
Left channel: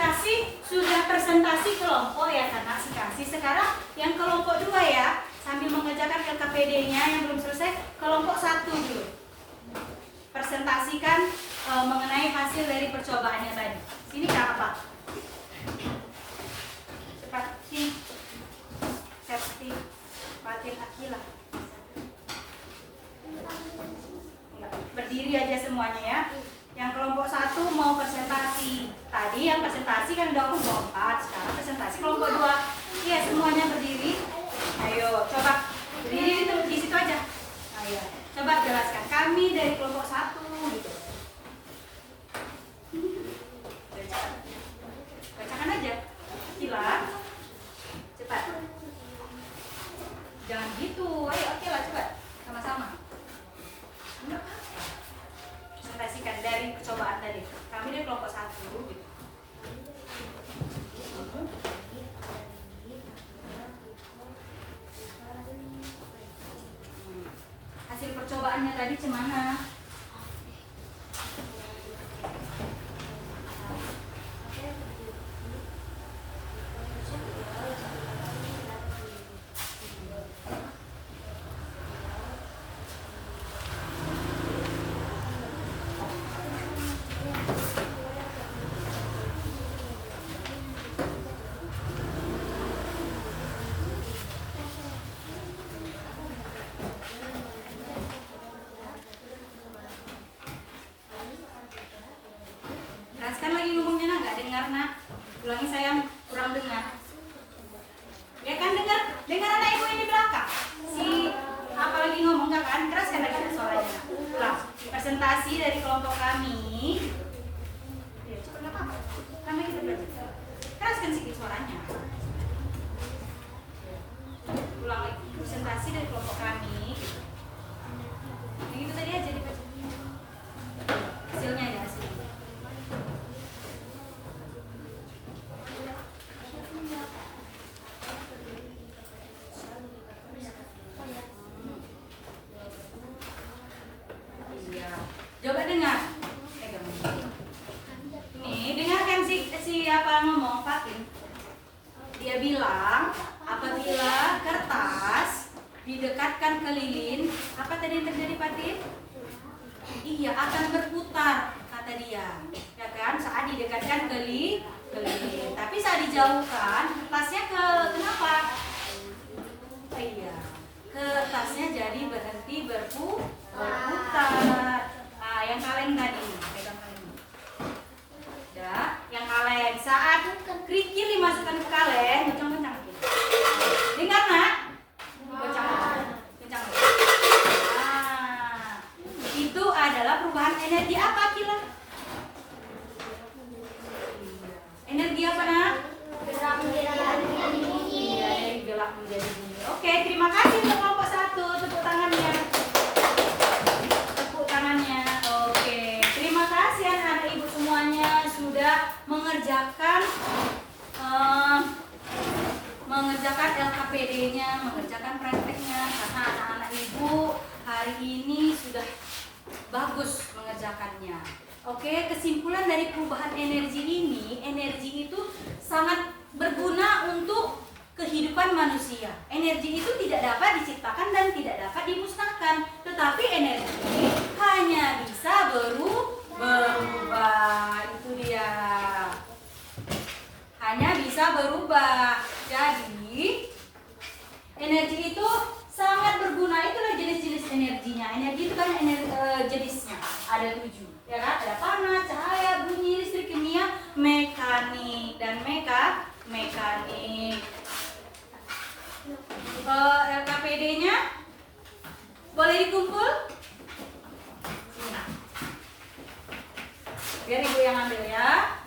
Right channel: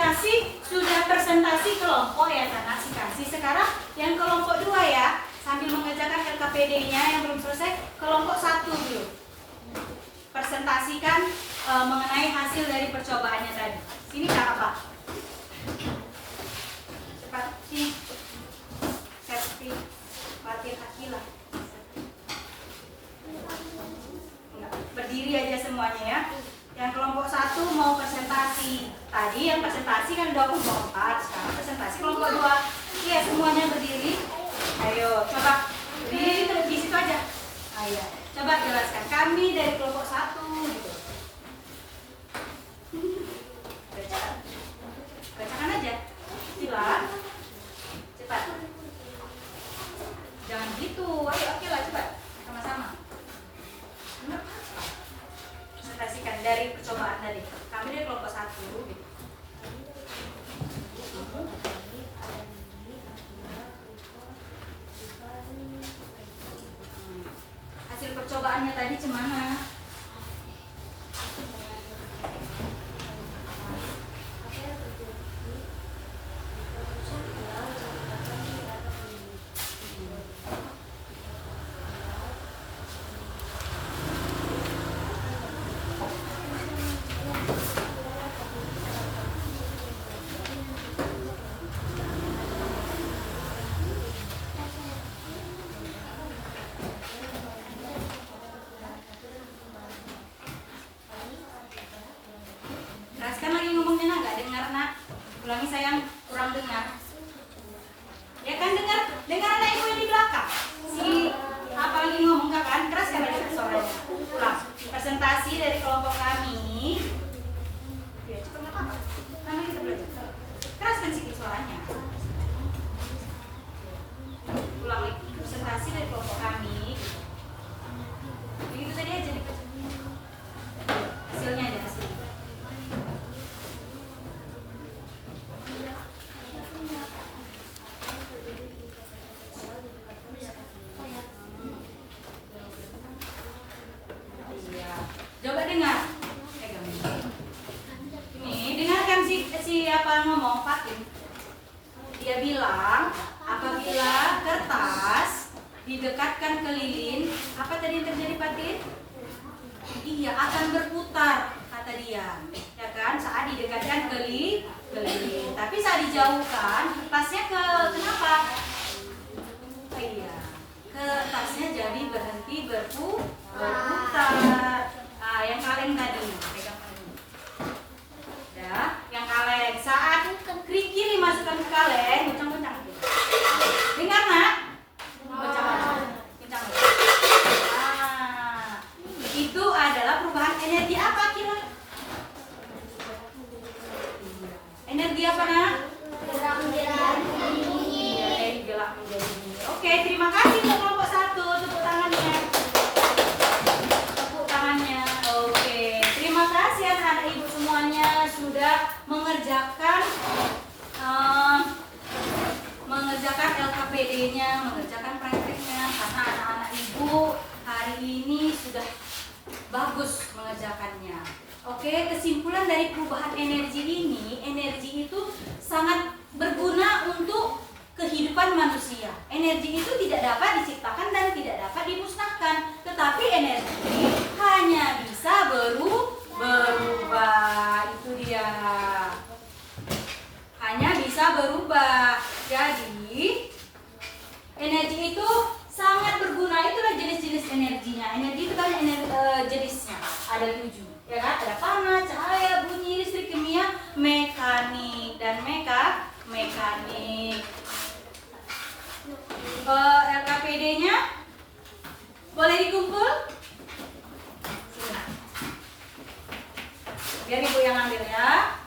Kasih sudah presentasi kelompok ya karena si Kasih. Sekarang yang kelompok 2 ya, sambil mengerjakan LKPD-nya yang belum selesai, kelompok 1 dulu. Presentasikan mengenai hasil dari percobaannya tadi. Ini apa? Cepat sini. Safety bagian Akila. Berdiri aja semuanya ya. Yang kelompok 1 mau presentasi. Tadi yang presentasi kan udah kelompok 4. Sekarang presentasi kelompok 2. Iya, semuanya berdiri. Ayo, coba berdiri di situ aja. Ayo, coba jelaskan. Kami dari kelompok 1 gitu. Bacakan aja. Sila. Cepat. Jangan gitu. Ayo, oke lah, coba. Sama-sama. Enggak apa-apa. Presentasikan dari percobaan tadi. Kami dari kelompok 1 gitu. Hasil percobaannya tadi gimana? Teraskan lagi ngomongnya nak, nggak dengar nak. Ulangi sayang, kurang dengar. Ya kan dengar anak ibu yang di belakang. Si apa lagi ngomong nggak kan? Keraskan lagi suaranya. Ulang. Presentasi dari kelompok kami. Ya cepat nggak apa-apa. Karena kita belajar. Keraskan sedikit suaranya. Ulang lagi. Presentasi dari kelompok kami. Begitu tadi aja dibaca. Hasilnya aja hasilnya. Coba dengar. Nih, dengarkan si apa ngomong Fatin. Dia bilang apabila kertas didekatkan ke lilin, apa tadi yang terjadi Fatin? Iya, akan berputar kata dia. Ya kan? Saat didekatkan ke lilin. Tapi saat dijauhkan, kertasnya kenapa? Iya. Kertasnya jadi berhenti berputar. Nah, yang kaleng tadi, pegang kaleng. Ya, yang kaleng. Saat kerikil dimasukkan ke kaleng, kencang-kencang. Dengar nak? Kencang. Nah, itu adalah perubahan energi apa kira? Energi apa nak? Iya, dari gelap menjadi dingin. Oke, terima kasih untuk kelompok 1. Tepuk tangannya. Oke, terima kasih anak-anak ibu semuanya sudah mengerjakan LKPD-nya, mengerjakan prakteknya, karena anak-anak ibu hari ini sudah bagus mengerjakannya. Oke, kesimpulan dari perubahan energi ini, energi itu sangat berguna untuk kehidupan manusia. Energi itu tidak dapat diciptakan dan tidak dapat dimusnahkan, tetapi energi hanya bisa berubah. Itu dia. Hanya bisa berubah. Jadi energi itu sangat berguna. Itulah jenis-jenis energinya. Energi itu banyak jenisnya. Ada 7. Ya kan? Ada panas, cahaya, bunyi, listrik, kimia, mekanik dan mekanik. LKPD-nya boleh dikumpul? Biar ibu yang ambil ya.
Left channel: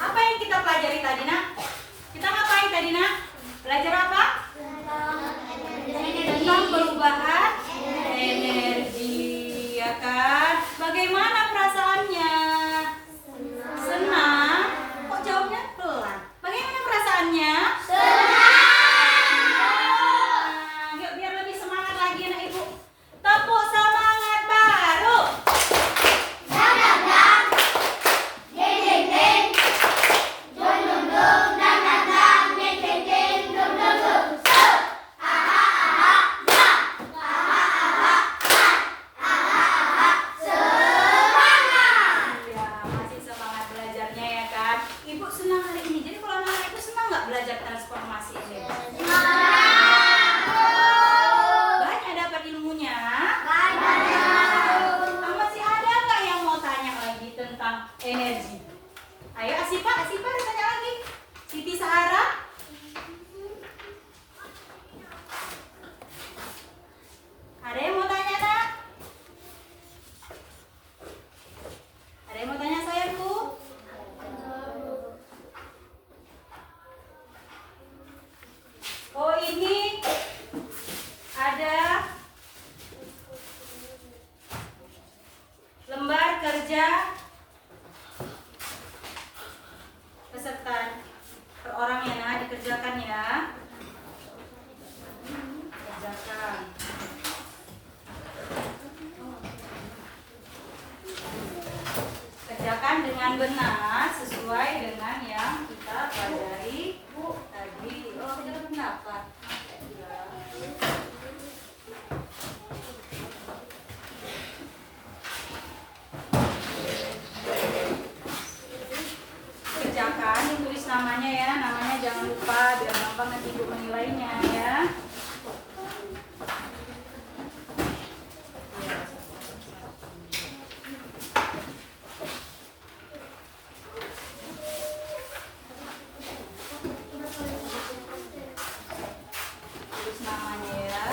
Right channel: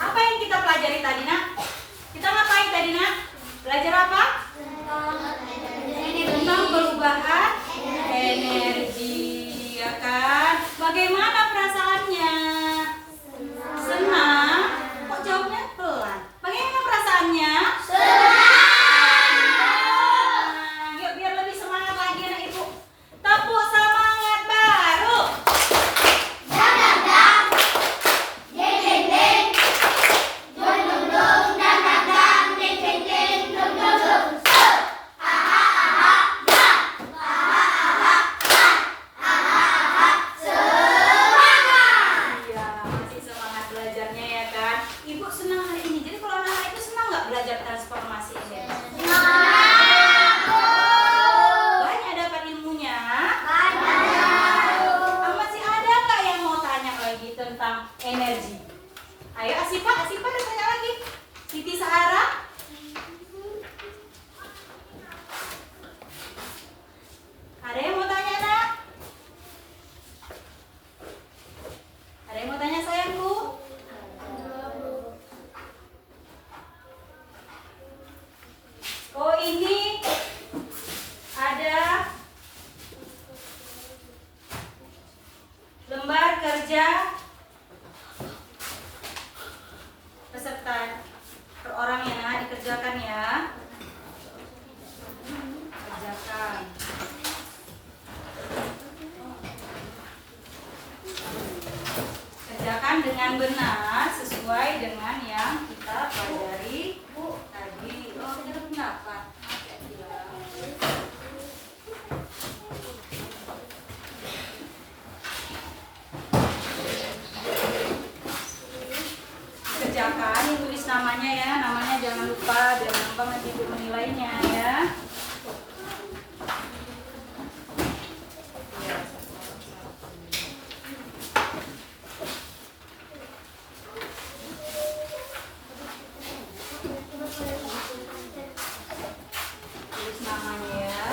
Apa yang kita pelajari tadi nak? Kita ngapain tadi nak? Belajar apa? Tentang perubahan energi, ya kan? Bagaimana perasaannya? Senang. Kok jawabnya pelan? Bagaimana perasaannya? Senang. Yuk biar lebih semangat lagi anak ibu. Tepuk semangat baru. dengan benar sesuai dengan yang kita pelajari tadi. Oh, kita berpendapat. Kerjakan, tulis namanya ya, namanya jangan lupa biar gampang nanti ibu menilainya ya. Tulis namanya ya.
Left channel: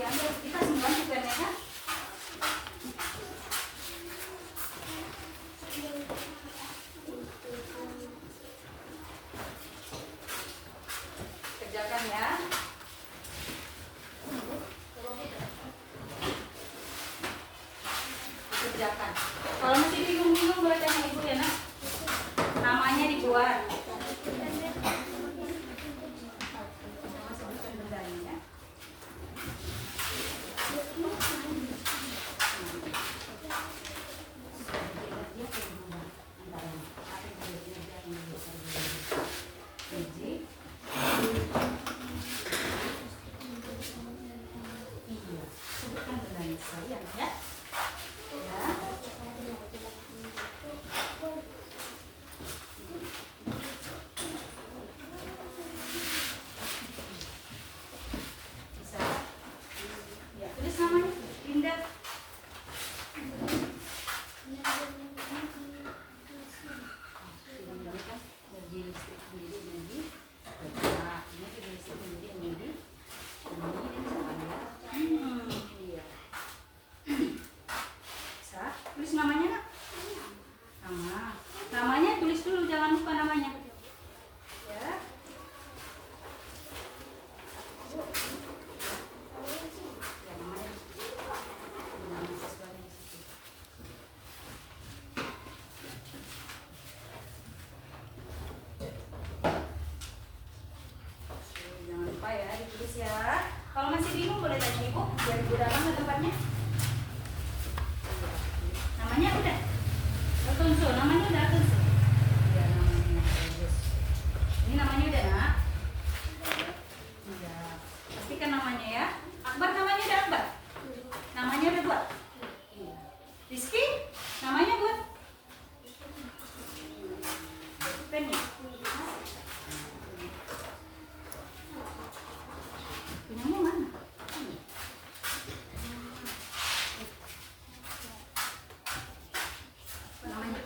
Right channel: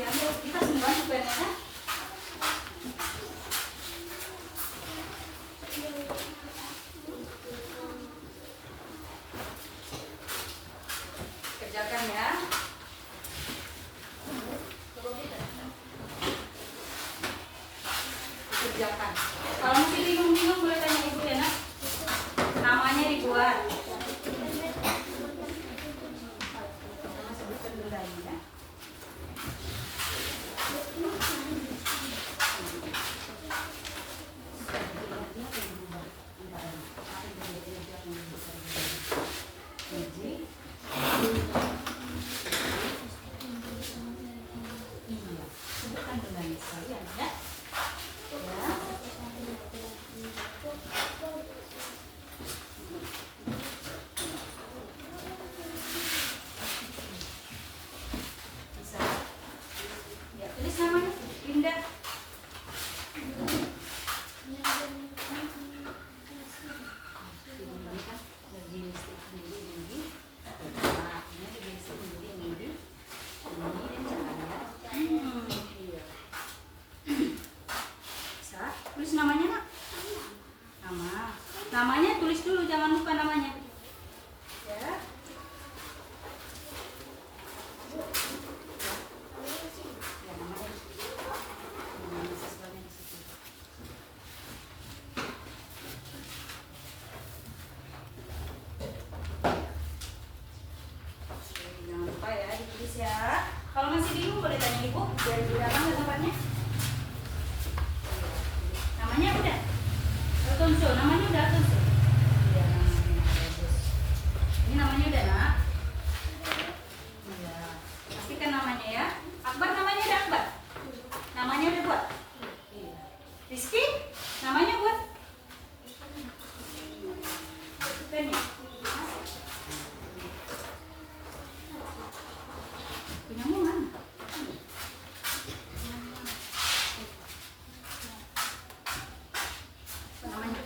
Ya, kita semua sebenarnya kan. Kerjakan ya. Kerjakan. Kalau masih bingung-bingung boleh tanya ibu ya nak. Namanya dibuat. Sama sebutkan bendanya ya. Iya, sebutkan bendanya sekalian ya. Bisa. Ya, tulis namanya Linda. Bisa. Tulis namanya nak. Nama. Namanya tulis dulu, jangan lupa namanya. Ya. Ya, namanya. Nama siswanya di situ. Oke, jangan lupa ya ditulis ya. Kalau masih bingung boleh tanya ibu, biar ibu datang ke tempatnya. Namanya udah? Alfonso, namanya udah Alfonso? Iya, namanya bagus. Ini namanya udah nak? Udah. Pastikan namanya ya. Akbar namanya udah Akbar? Namanya udah buat? Iya. Rizky? Namanya buat? Kan ya? Punyamu mana? Namanya?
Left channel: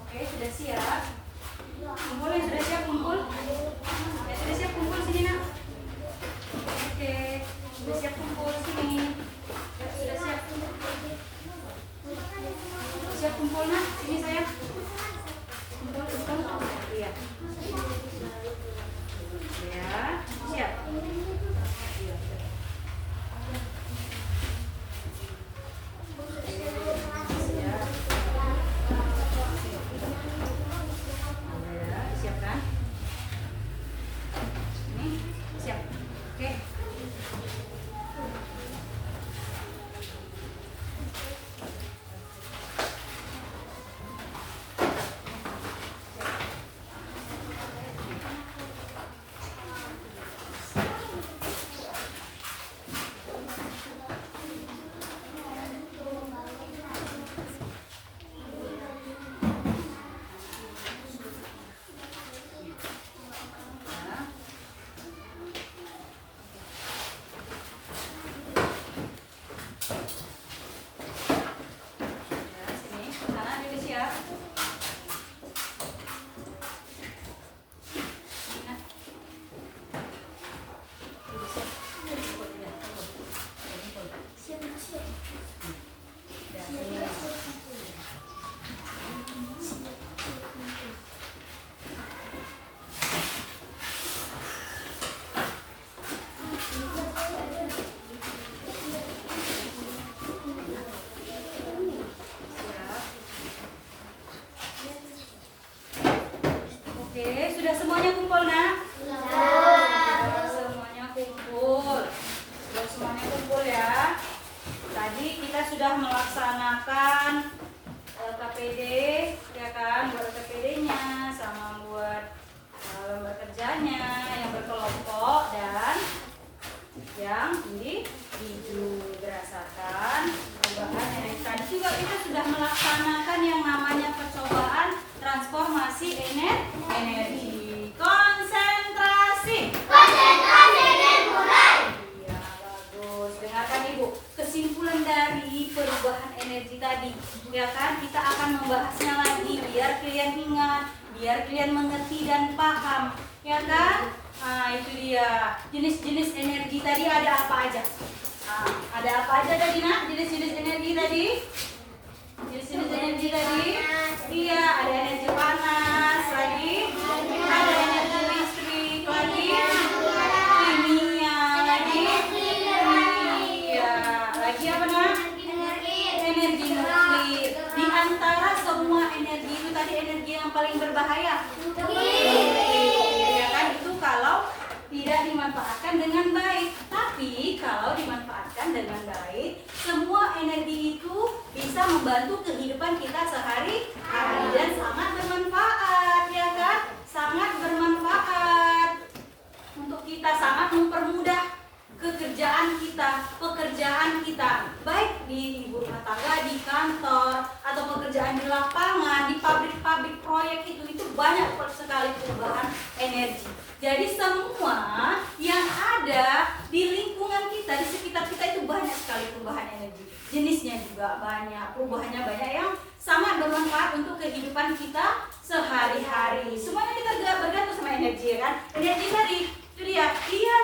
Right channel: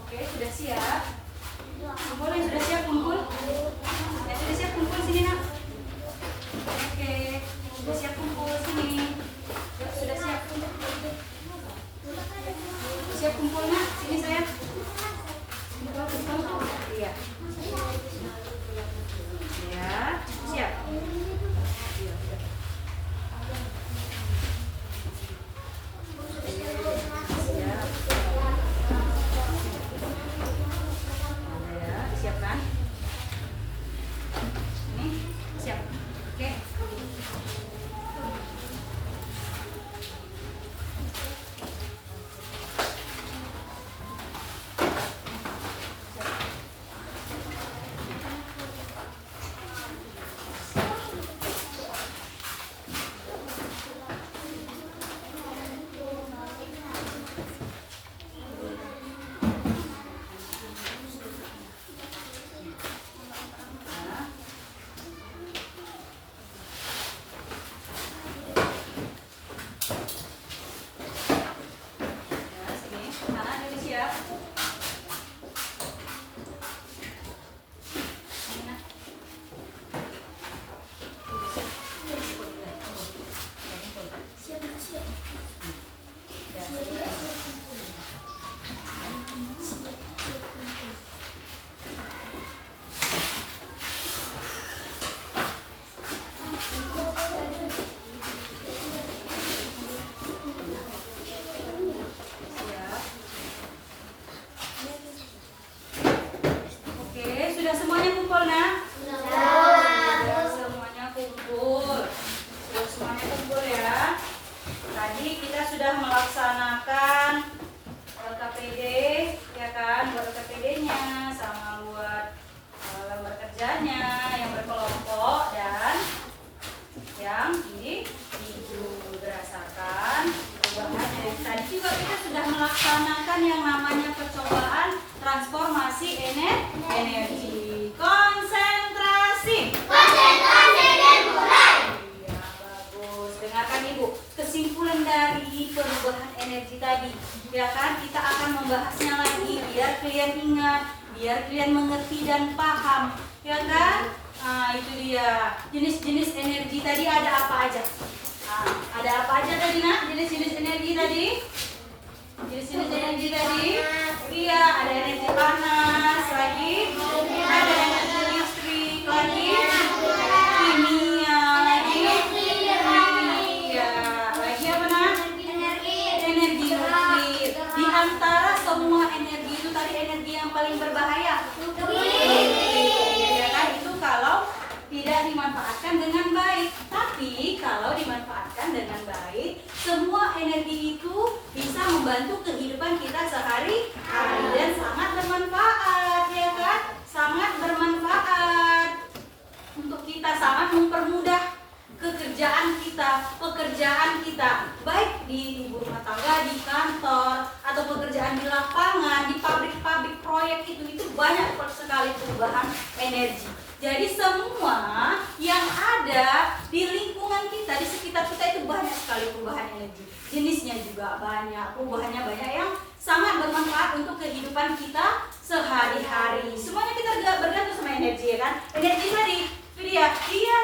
Oke, sudah siap. Kumpul yang sudah siap kumpul. Ya sudah siap kumpul sini nak. Oke, sudah siap kumpul sini. Ya, sudah siap. Siap kumpul nak, sini saya. Kumpul, kumpul. Iya. Ya, siap. Iya. Siap. Ya, disiapkan. Ini siap. Oke. Ya, sini. Anak dulu siap. Ini nak. Ya, sini. Siap. Oke, sudah semuanya kumpul nak? Sudah semuanya kumpul. Sudah semuanya kumpul ya. Tadi kita sudah melaksanakan LKPD, ya kan? Buat LKPD-nya sama buat lembar kerjanya yang berkelompok dan yang individu berdasarkan perubahan energi. Tadi juga kita sudah melaksanakan yang namanya percobaan transformasi energi. Konsentrasi. Iya, bagus. Dengarkan Ibu, kesimpulan dari perubahan energi tadi, ya kan? Kita akan membahasnya lagi biar kalian ingat, biar kalian mengerti dan paham, ya kan? Nah, itu dia. Jenis-jenis energi tadi ada apa aja? Nah, ada apa aja tadi nak? Jenis-jenis energi tadi? Jenis-jenis energi tadi? Iya, ada energi panas, lagi ada energi listrik, lagi kimia, lagi iya, lagi apa nak? Energi nuklir. Di antara semua energi itu tadi energi yang paling berbahaya. Ya kan, itu kalau tidak dimanfaatkan dengan baik. Tapi kalau dimanfaatkan dengan baik, semua energi itu bisa membantu kehidupan kita sehari-hari dan sangat bermanfaat, ya kan? Sangat bermanfaat untuk kita, sangat mempermudah pekerjaan kita, baik di ibu rumah tangga, di kantor, atau pekerjaan di lapangan, di pabrik-pabrik proyek itu banyak sekali perubahan energi. Jadi semua yang ada di lingkungan kita, di sekitar kita itu banyak sekali perubahan energi. Jenisnya juga banyak, perubahannya banyak yang sangat bermanfaat untuk kehidupan kita sehari-hari. Semuanya kita bergantung sama energi, ya kan? Energi tadi dia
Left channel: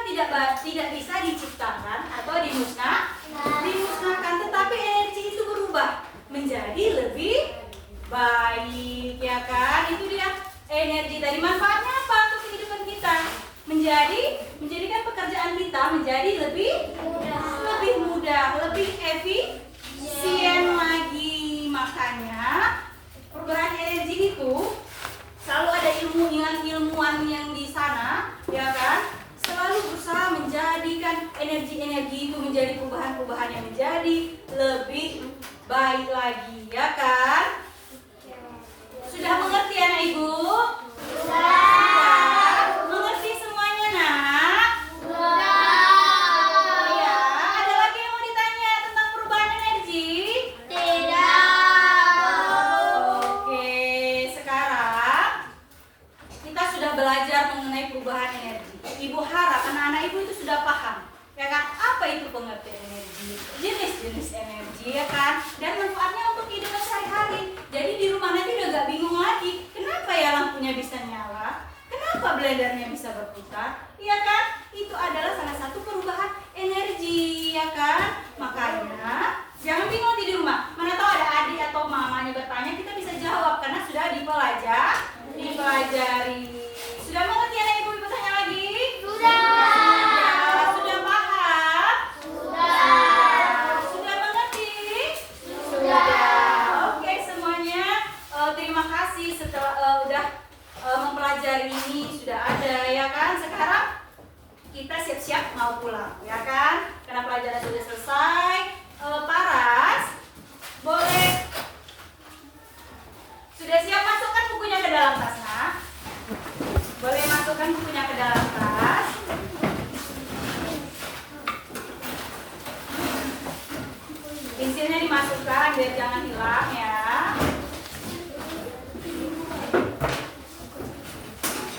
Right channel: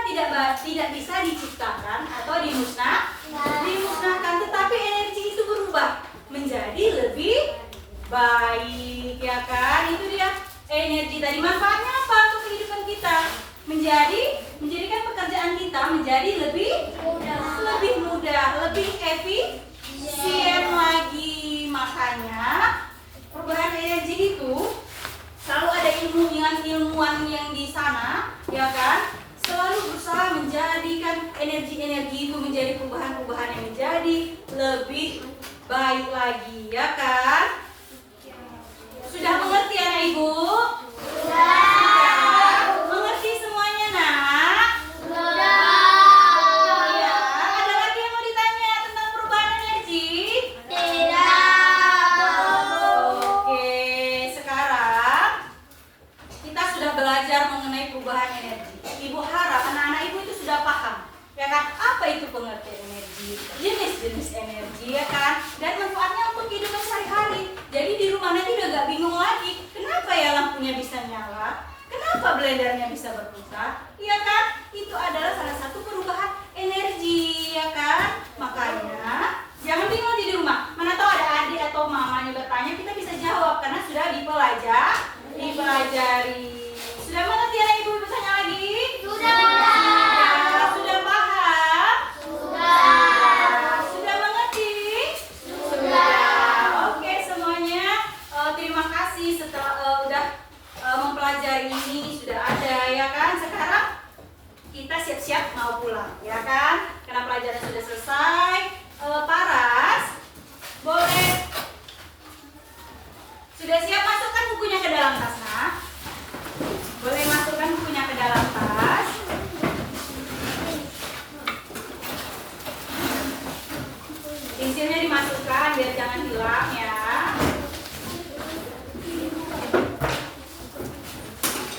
tidak bisa diciptakan atau dimusnahkan, tetapi energi itu berubah menjadi lebih baik, ya kan? Itu dia energi tadi. Manfaatnya apa untuk kehidupan kita? Menjadikan pekerjaan kita menjadi lebih mudah, lebih efisien lagi. Makanya perubahan energi itu selalu ada ilmuwan yang di sana, ya kan, selalu berusaha menjadikan energi-energi itu menjadi perubahan-perubahan yang menjadi lebih baik lagi, ya kan? Sudah mengerti anak ibu? Sudah. Mengerti semuanya nak? Iya. Ada lagi yang mau ditanya tentang perubahan energi? Oke, sekarang kita sudah belajar belajar mengenai perubahan energi. Ibu harap anak-anak ibu itu sudah paham, ya kan? Apa itu pengertian energi, jenis-jenis energi, ya kan? Dan manfaatnya untuk kehidupan sehari-hari. Jadi di rumah nanti udah gak bingung lagi, kenapa ya lampunya bisa nyala? Kenapa blendernya bisa berputar? Ya kan? Itu adalah salah satu perubahan energi, ya kan? Makanya jangan bingung di rumah. Mana tahu ada adik atau mamanya bertanya, kita bisa jawab karena sudah dipelajari. Sudah mengerti anak ibu bertanya lagi? Sudah. Sudah paham? Sudah mengerti? Oke semuanya, terima kasih setelah udah mempelajari ini, sudah ada, ya kan? Sekarang kita siap-siap mau pulang, ya kan? Karena pelajaran sudah selesai. Paras, boleh sudah siap masukkan bukunya ke dalam tas, nah? Boleh masukkan bukunya ke dalam tas. Pensilnya dimasukkan biar jangan hilang, ya.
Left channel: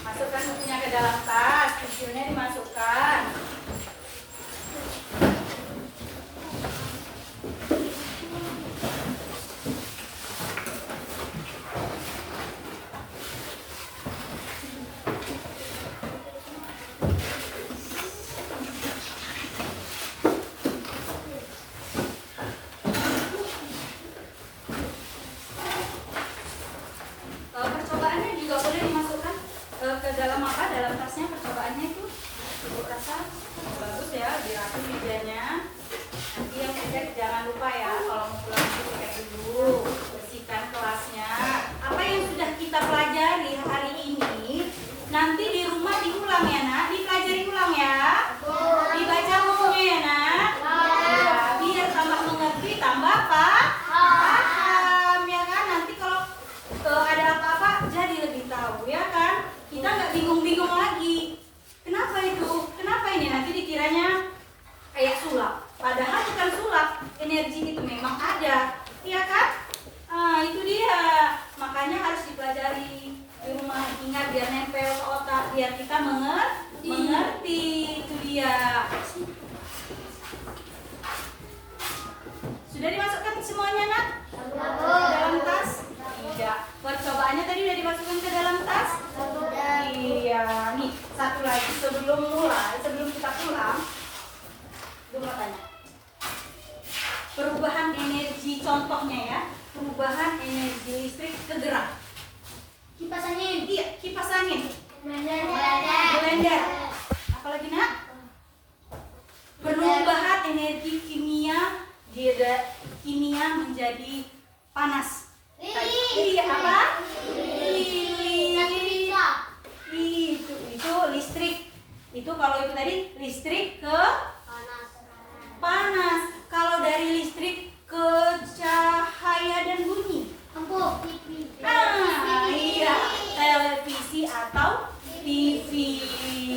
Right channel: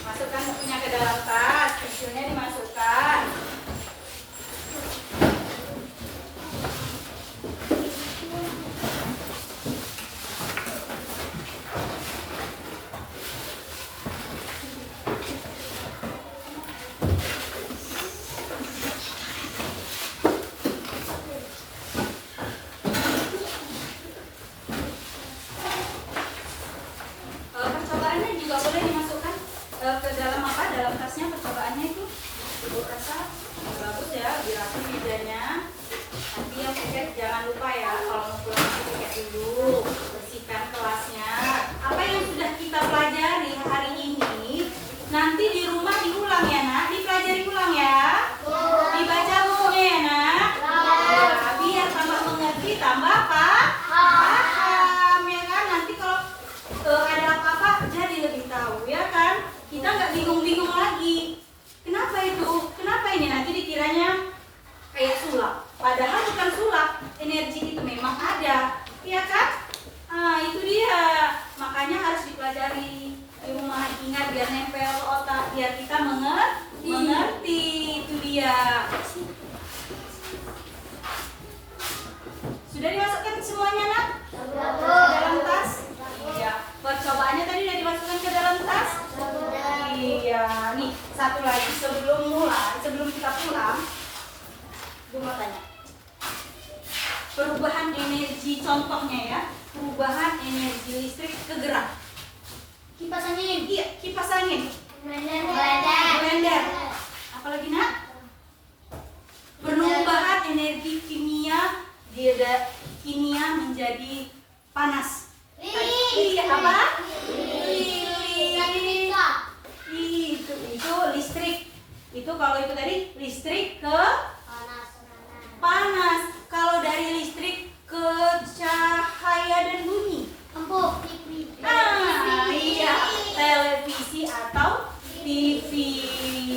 Masukkan bukunya ke dalam tas, pensilnya dimasukkan. Percobaannya juga boleh dimasukkan ke dalam apa? Dalam tasnya percobaannya itu. Ibu rasa bagus ya, diracun mejanya. Nanti yang pipet jangan lupa ya, kalau mau pulang nanti pipet dulu, bersihkan kelasnya. Apa yang sudah kita pelajari hari ini, nanti di rumah diulang ya nak, dipelajari ulang ya. Dibaca bukunya ya nak. Ya, biar tambah mengerti, tambah paham ya kan. Nanti kalau ada apa-apa jadi lebih tahu, ya kan? Kita nggak bingung-bingung lagi. Kenapa itu? Kenapa ini? Nanti dikiranya kayak sulap. Padahal bukan sulap. Energi itu memang ada, ya kan? Itu dia. Makanya harus dipelajari di rumah. Ingat biar nempel ke otak, biar kita mengerti. Itu dia. Sudah dimasukkan semuanya nak? Dalam tas? Iya. Percobaannya tadi udah dimasukkan ke dalam tas? Iya. Nih, satu lagi sebelum kita pulang, gue mau tanya. Perubahan energi, contohnya ya, perubahan energi listrik ke gerak. Kipas angin. Iya, kipas angin, Blender. blender. Apalagi nak? Perubahan energi kimia menjadi panas. Iya apa? Lilin. Itu listrik. Itu kalau itu tadi listrik ke panas. Kalau dari listrik ke cahaya dan bunyi. Iya, televisi atau TV.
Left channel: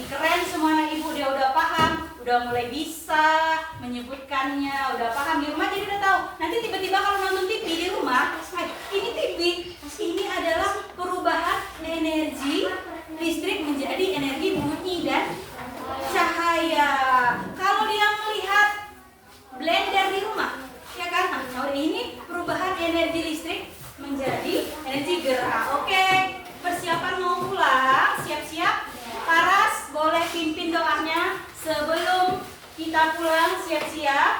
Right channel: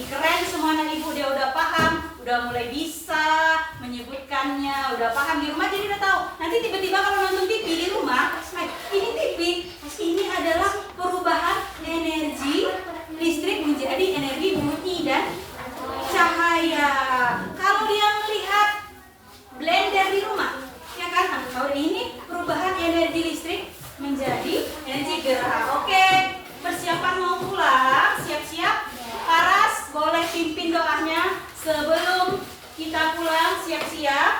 Keren semua anak ibu, dia udah paham, udah mulai bisa menyebutkannya, udah paham di rumah jadi udah tahu. Nanti tiba-tiba kalau nonton TV di rumah, ini TV, ini adalah perubahan energi listrik menjadi energi bunyi dan cahaya. Kalau dia melihat blender di rumah, ya kan? Kalau ini perubahan energi listrik menjadi energi gerak. Oke, persiapan mau pulang, siap-siap. Paras boleh pimpin doanya sebelum kita pulang, siap-siap.